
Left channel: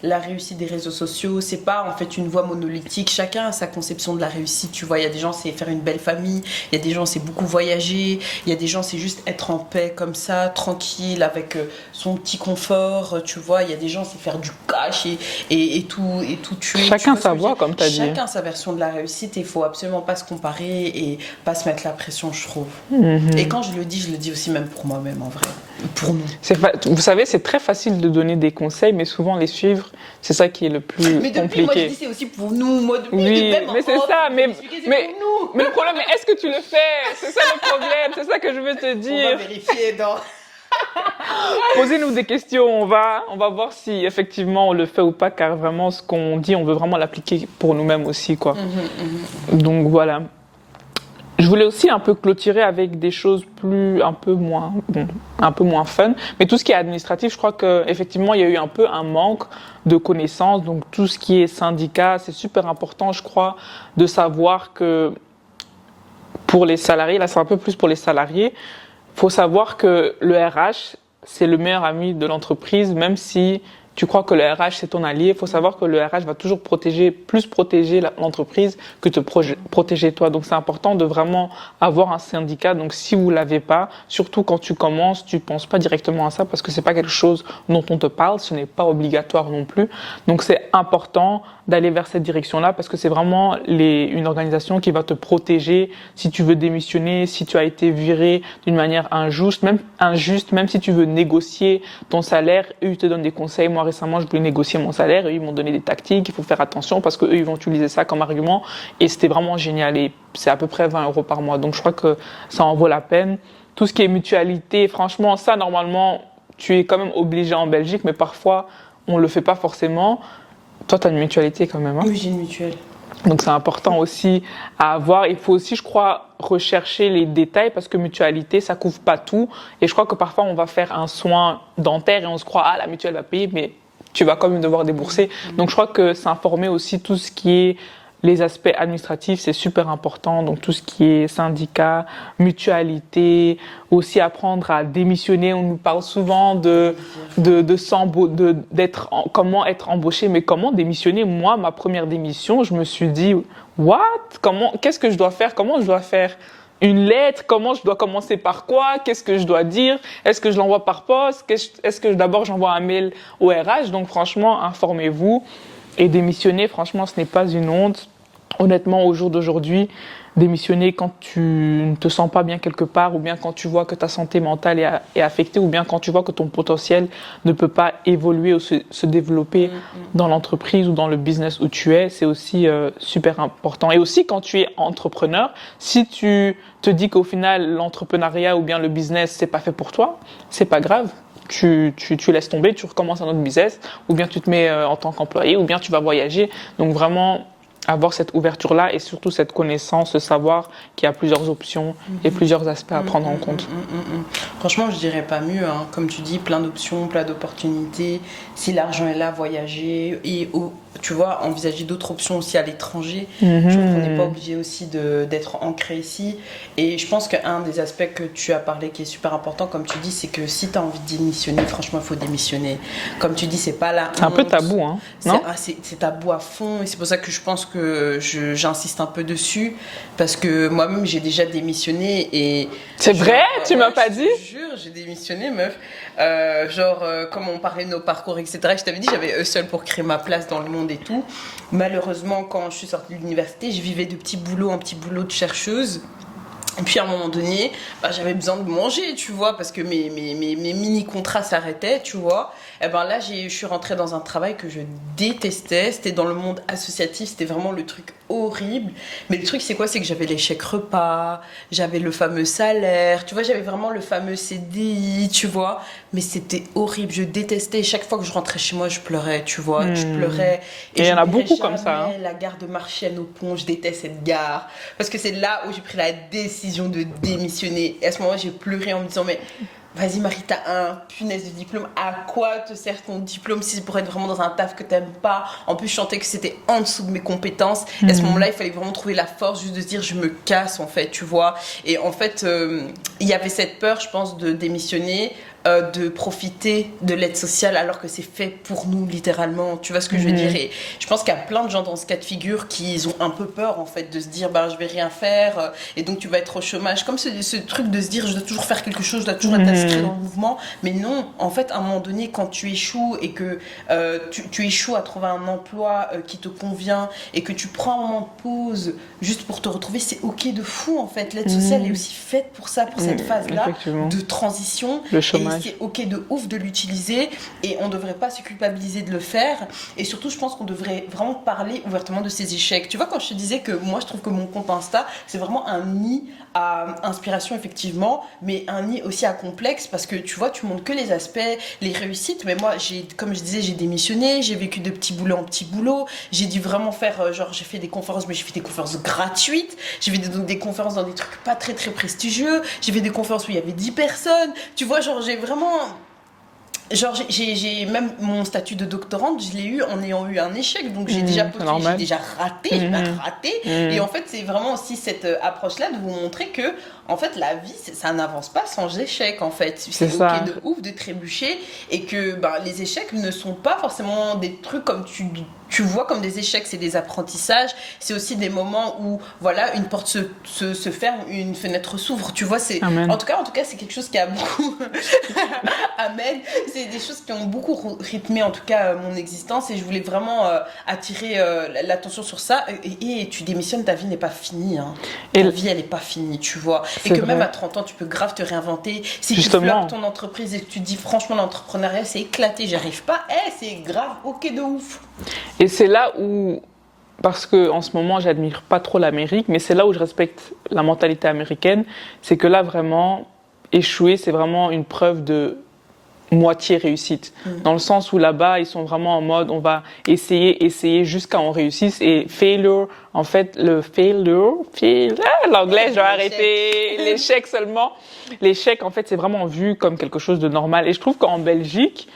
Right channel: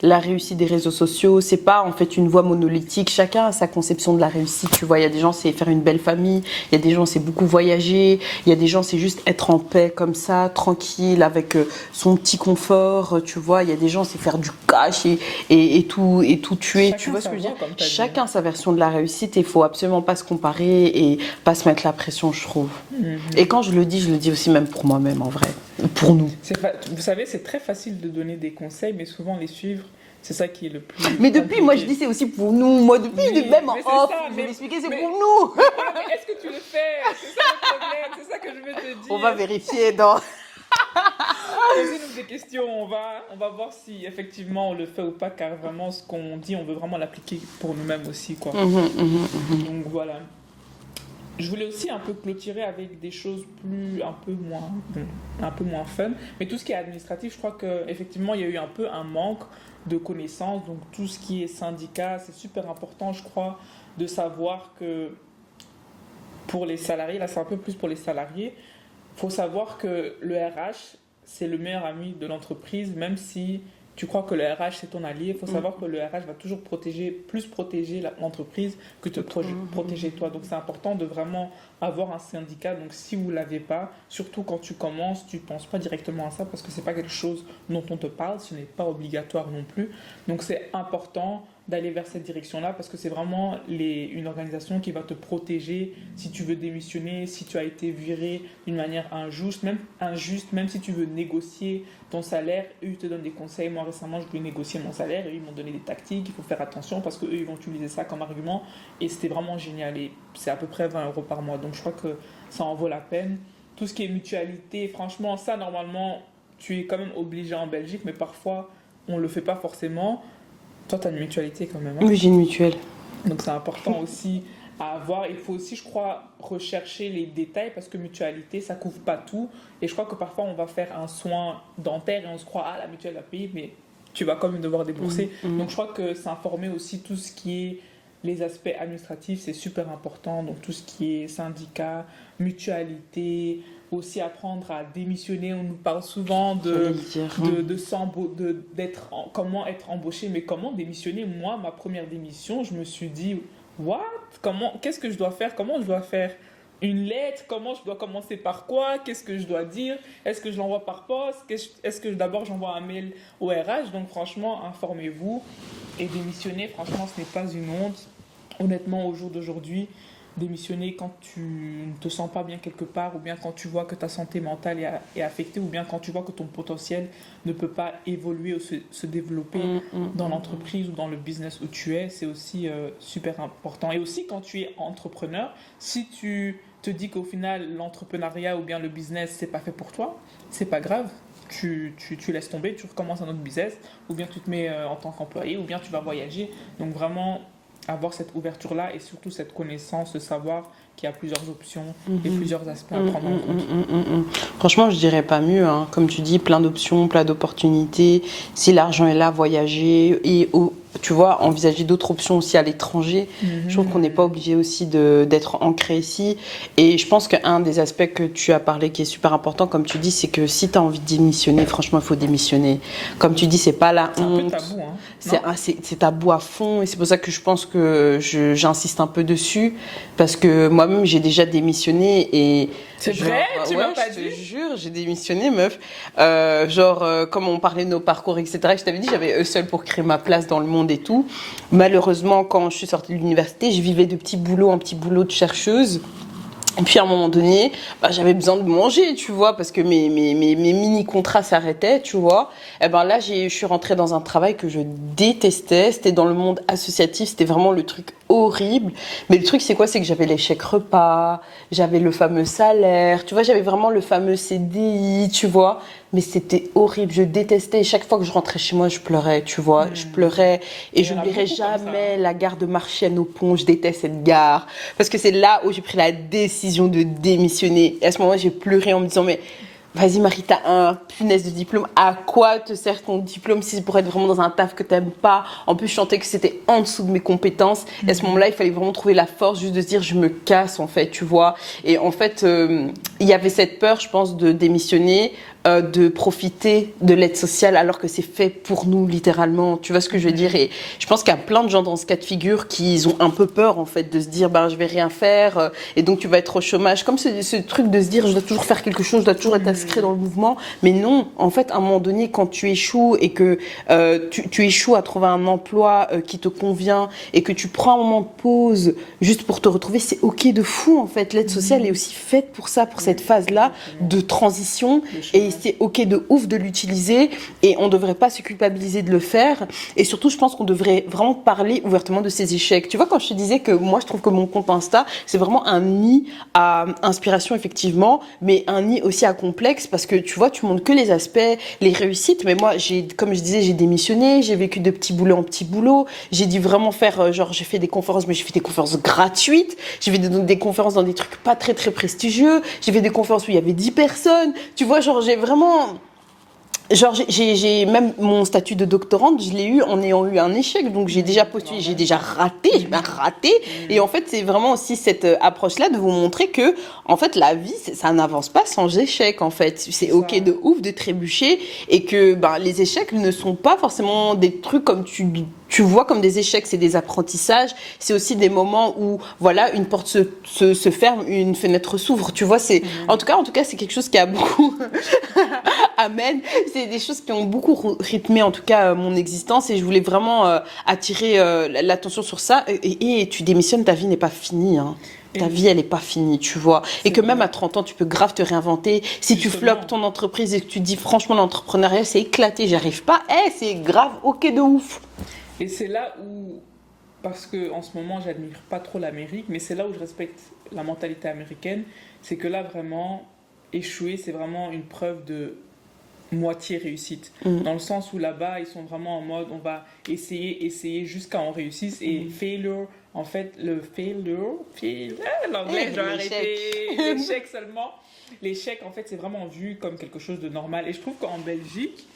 la réussite des réseaux sociaux, c'est pas en fait une voie monolithique. Chacun a sa conception de la réussite. Tu vois, il y a des gens c'est faire une belle famille, il y a des gens c'est beaucoup voyager, il y a des gens c'est juste être en paix comme ça, tranquille avec son petit confort. Tu vois, il y a des gens c'est faire du cash et tout tuer. Chacun sa voie, comme tu as dit. Chacun sa version de la réussite. Il faut absolument pas se comparer et pas se mettre la pression, je trouve. Et quand je le dis aussi même pour moi-même en vrai, pour nous. Vous savez, c'est très facile de donner des conseils, mais souvent les suivre, c'est ça qui est le plus Mais depuis, compliqué. moi je dis c'est aussi pour nous. Moi depuis, même mais c'est ça. Mais pour nous. Mais le problème, est-ce que tu le fais? C'est ça le problème. C'est ça que je veux te dire. On va vérifier dans. Posez-nous des questions. On va voir si effectivement on le fait ou pas, car vraiment ce qu'on dit, on veut vraiment l'appliquer pour nous-mêmes aussi, quoi. Donc voilà. Je voulais aussi un peu clôturer avec des choses un peu moins fun. Mais tout ce qui est administratif, je crois qu'effectivement, il y a eu un peu un manque de connaissances. Donc, tout ce qui est syndicat, c'est super important, je crois, de savoir que pour les salariés, là, c'est un peu plus pour les salariés, il faut savoir que le RH, c'est le meilleur ami de l'entreprise, même si tu crois que le RH, c'est ton allié, il faut savoir que le RH va toujours plus protéger l'entreprise que te protéger toi. Donc, c'est important de vraiment avoir un syndicat. Donc, si vous ne l'avez pas, surtout quand tu commences, tu ne penses pas directement à ça parce que ce n'est pas quelque chose dont on te parle. Ce n'est pas obligatoire non plus. Donc, c'est important d'aller vers cette direction-là parce que c'est vraiment une organisation qui va te protéger si tu veux démissionner, si tu as été viré d'une manière injuste, même si tu veux négocier ton salaire, eux, ils te donnent des conseils. Moi, récemment, je voulais négocier mon salaire et ils m'ont donné des tactiques. Il faut faire attention parce qu'eux, ils vont utiliser ça comme argument et c'était vraiment génial. Et c'est à peu près 20 € par mois. Donc, je crois que ça en vaut la peine. Tout ce qui est mutualité, franchement, ça, normalement, tu es quand même obligé en Belgique, mais parfois, on ne le fait pas forcément. Toi, tu as une mutualité quand même. Hein? Oui, j'ai une mutuelle. Donc, c'est important aussi à avoir. Il faut aussi, je crois, rechercher les détails parce que mutualité, ça ne couvre pas tout. Et je crois que parfois, on va faire un soin dentaire et on se croit, la mutuelle va payer, mais tu vas quand même devoir débourser. Donc, je crois que s'informer aussi tout ce qui est les aspects administratifs, c'est super important. Donc, tout ce qui est syndicat, mutualité, aussi apprendre à démissionner. On nous parle souvent comment être embauché, mais comment démissionner. Moi, ma première démission, je me suis dit, qu'est-ce que je dois faire? Comment je dois faire une lettre? Comment je dois commencer par quoi? Qu'est-ce que je dois dire? Est-ce que je l'envoie par poste? Est-ce que d'abord j'envoie un mail au RH? Donc, franchement, informez-vous. Et démissionner, franchement, ce n'est pas une honte. Honnêtement, au jour d'aujourd'hui, démissionner quand tu ne te sens pas bien quelque part ou bien quand tu vois que ta santé mentale est affectée ou bien quand tu vois que ton potentiel ne peut pas évoluer ou se développer dans l'entreprise ou dans le business où tu es, c'est aussi super important. Et aussi, quand tu es entrepreneur, si tu te dis qu'au final, l'entrepreneuriat ou bien le business, c'est pas fait pour toi, c'est pas grave. Tu laisses tomber, tu recommences un autre business, ou bien tu te mets en tant qu'employé, ou bien tu vas voyager. Donc vraiment, avoir cette ouverture-là et surtout cette connaissance, savoir qu'il y a plusieurs options et plusieurs aspects à prendre en compte. Franchement, je dirais pas mieux. Hein. Comme tu dis, plein d'options, plein d'opportunités. Si l'argent est là, voyager et tu vois, envisager d'autres options aussi à l'étranger. Je trouve qu'on n'est pas obligé aussi d'être ancré ici. Et je pense qu'un des aspects que tu as parlé qui est super important, comme tu dis, c'est que si tu as envie de démissionner, franchement, il faut démissionner. Comme tu dis, c'est pas la honte. C'est un peu tabou, hein, non? C'est tabou à fond. Et c'est pour ça que je pense que j'insiste un peu dessus. Parce que moi-même, j'ai déjà démissionné. Et c'est vrai? Tu m'as pas dit? Je te jure, j'ai démissionné, meuf. Comme on parlait de nos parcours, etc. Je t'avais dit, j'avais seul pour créer ma place dans le monde et tout. Malheureusement, quand je suis sortie de l'université, je vivais de petits boulots en petits boulots de chercheuse. Et puis à un moment donné, j'avais besoin de manger, tu vois, parce que mes mini-contrats s'arrêtaient, tu vois. Et là, je suis rentrée dans un travail que je détestais. C'était dans le monde associatif, c'était vraiment le truc horrible. Mais le truc, c'est quoi? C'est que j'avais les chèques repas, j'avais le fameux salaire, tu vois, j'avais vraiment le fameux CDI, tu vois. Mais c'était horrible, je détestais. Et chaque fois que je rentrais chez moi, je pleurais, tu vois. Je pleurais. Et il y en a beaucoup jamais comme ça, hein. la gare de Marchienne au Pont, je déteste cette gare. Parce que c'est là où j'ai pris la décision de démissionner. Et à ce moment-là, j'ai pleuré en me disant, mais vas-y Marie, t'as un punaise de diplôme. À quoi te sert ton diplôme si c'est pour être vraiment dans un taf que t'aimes pas? En plus, je sentais que c'était en dessous de mes compétences. Et à ce moment-là, il fallait vraiment trouver la force juste de se dire, je me casse en fait, tu vois. Et en fait, il y avait cette peur, je pense, de démissionner. De profiter de l'aide sociale alors que c'est fait pour nous littéralement, tu vois ce que je veux dire. Et je pense qu'il y a plein de gens dans ce cas de figure qui ont un peu peur en fait de se dire je vais rien faire et donc tu vas être au chômage, comme ce truc de se dire je dois toujours faire quelque chose, je dois toujours être inscrit dans le mouvement. Mais non, en fait à un moment donné quand tu échoues et que tu échoues à trouver un emploi qui te convient et que tu prends un moment de pause juste pour te retrouver, c'est ok de fou en fait. L'aide sociale est aussi faite pour ça, pour cette phase là de transition. Et c'est ok de ouf de l'utiliser et on devrait pas se culpabiliser de le faire. Et surtout, je pense qu'on devrait vraiment parler ouvertement de ses échecs. Tu vois, quand je te disais que moi, je trouve que mon compte Insta, c'est vraiment un nid à inspiration, effectivement, mais un nid aussi à complexe parce que tu vois, tu montres que les aspects, les réussites. Mais moi, comme je disais, j'ai démissionné, j'ai vécu de petit boulot en petit boulot. J'ai dû vraiment faire, j'ai fait des conférences, mais j'ai fait des conférences gratuites. J'ai fait des conférences dans des trucs pas très, très prestigieux. J'ai fait des conférences où il y avait 10 personnes. Tu vois, j'ai vraiment... j'ai même mon statut de doctorante, je l'ai eu en ayant eu un échec, donc j'ai déjà postulé, j'ai déjà raté, et en fait c'est vraiment aussi cette approche-là de vous montrer que en fait la vie ça n'avance pas sans échec en fait, c'est ok de ouf de trébucher et que les échecs ne sont pas forcément des trucs comme tu vois comme des échecs, c'est des apprentissages, c'est aussi des moments où voilà une porte se ferme, une fenêtre s'ouvre, tu vois, c'est en tout cas c'est quelque chose qui a beaucoup amen, c'est des choses qui ont beaucoup rythmé en tout cas mon existence et je voulais vraiment attirer l'attention sur ça et tu démissionnes, ta vie n'est pas finie hein. Ta vie elle est pas finie, tu vois, et que même à 30 ans tu peux grave te réinventer si justement. Tu floppes ton entreprise et que tu te dis franchement l'entrepreneuriat c'est éclaté, j'y arrive pas, c'est grave ok de ouf. Et c'est là où, parce qu'en ce moment, j'admire pas trop l'Amérique, mais c'est là où je respecte la mentalité américaine, c'est que là, vraiment, échouer, c'est vraiment une preuve de moitié réussite. Dans le sens où là-bas, ils sont vraiment en mode, on va essayer jusqu'à on réussisse. Et failure, en fait, l'anglais, je vais arrêter, l'échec seulement. L'échec, en fait, c'est vraiment vu comme quelque chose de normal. Et je trouve qu'en Belgique,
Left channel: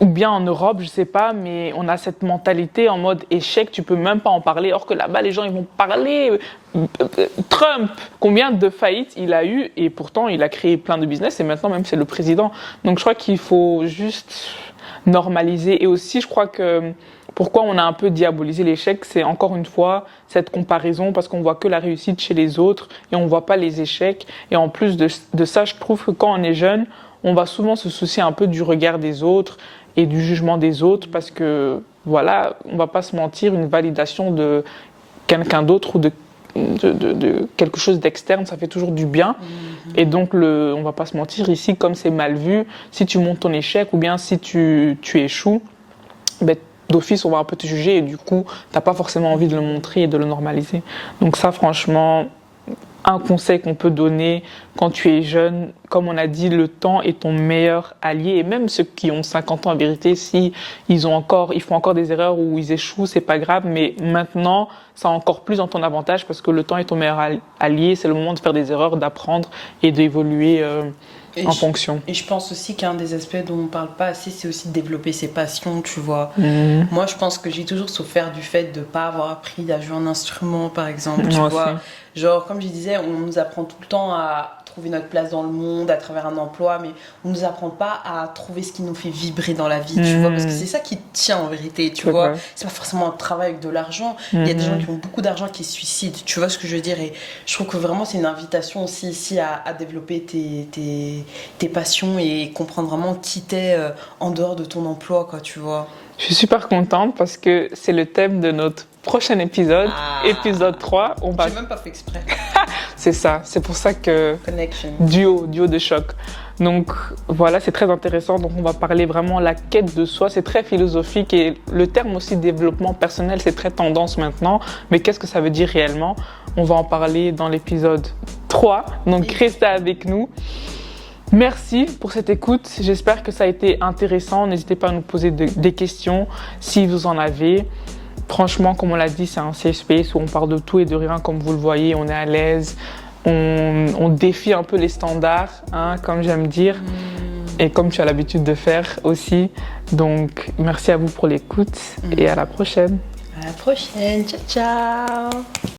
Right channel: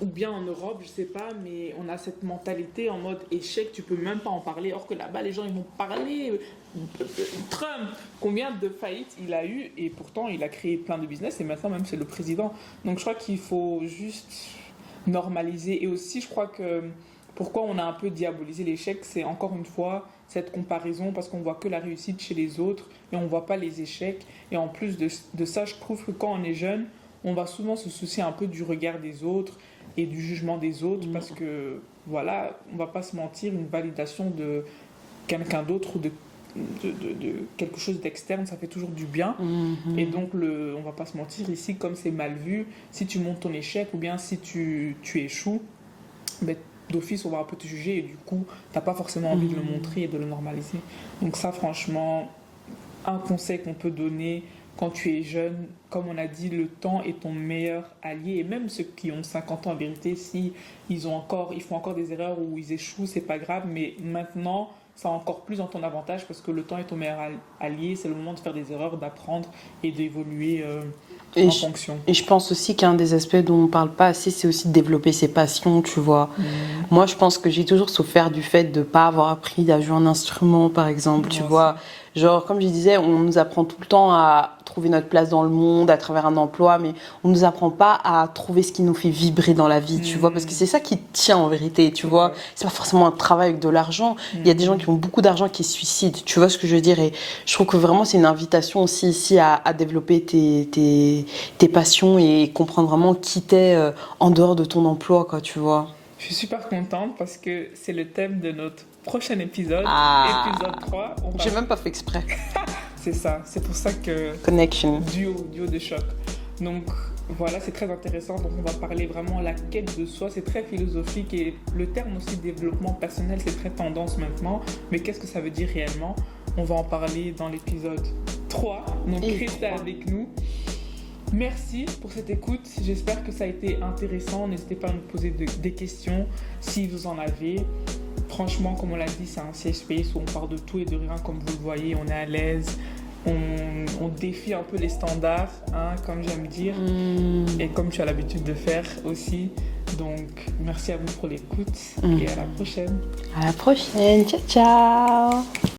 ou bien en Europe, je sais pas, mais on a cette mentalité en mode échec, tu peux même pas en parler. Or que là-bas, les gens, ils vont parler. Trump, combien de faillites il a eu et pourtant il a créé plein de business et maintenant même c'est le président. Donc je crois qu'il faut juste normaliser. Et aussi, je crois que pourquoi on a un peu diabolisé l'échec, c'est encore une fois cette comparaison parce qu'on voit que la réussite chez les autres et on voit pas les échecs. Et en plus de ça, je trouve que quand on est jeune, on va souvent se soucier un peu du regard des autres et du jugement des autres parce que, voilà, on va pas se mentir, une validation de quelqu'un d'autre ou de quelque chose d'externe, ça fait toujours du bien. Et donc, on va pas se mentir, ici, comme c'est mal vu, si tu montes ton échec ou bien si tu échoues, d'office, on va un peu te juger et du coup, t'as pas forcément envie de le montrer et de le normaliser. Donc ça, franchement... Un conseil qu'on peut donner quand tu es jeune, comme on a dit, le temps est ton meilleur allié. Et même ceux qui ont 50 ans, en vérité, si ils font encore des erreurs ou ils échouent, c'est pas grave. Mais maintenant, ça a encore plus en ton avantage parce que le temps est ton meilleur allié. C'est le moment de faire des erreurs, d'apprendre et d'évoluer en fonction. Et je pense aussi qu'un des aspects dont on parle pas assez, c'est aussi de développer ses passions, tu vois. Moi, je pense que j'ai toujours souffert du fait de pas avoir appris à jouer un instrument, par exemple, tu vois. Genre, comme je disais, on nous apprend tout le temps à trouver notre place dans le monde à travers un emploi, mais on nous apprend pas à trouver ce qui nous fait vibrer dans la vie, tu vois, parce que c'est ça qui tient en vérité, tu vois. C'est pas forcément un travail avec de l'argent. Il y a des gens qui ont beaucoup d'argent qui se suicident, tu vois ce que je veux dire. Et je trouve que vraiment c'est une invitation aussi ici à développer tes passions et comprendre vraiment qui t'es en dehors de ton emploi, quoi, tu vois. Je suis super contente parce que c'est le thème de notre prochain épisode, épisode 3. J'ai même pas fait exprès. C'est ça, c'est pour ça que... Connection. Duo de choc. Donc voilà, c'est très intéressant. Donc on va parler vraiment de la quête de soi. C'est très philosophique et le terme aussi développement personnel, c'est très tendance maintenant. Mais qu'est-ce que ça veut dire réellement? On va en parler dans l'épisode 3. Donc restez avec nous. Merci pour cette écoute. J'espère que ça a été intéressant. N'hésitez pas à nous poser des questions si vous en avez. Franchement, comme on l'a dit, c'est un safe space où on parle de tout et de rien, comme vous le voyez. On est à l'aise. On défie un peu les standards, hein, comme j'aime dire, et comme tu as l'habitude de faire aussi. Donc, merci à vous pour l'écoute et à la prochaine. À la prochaine. Ciao, ciao.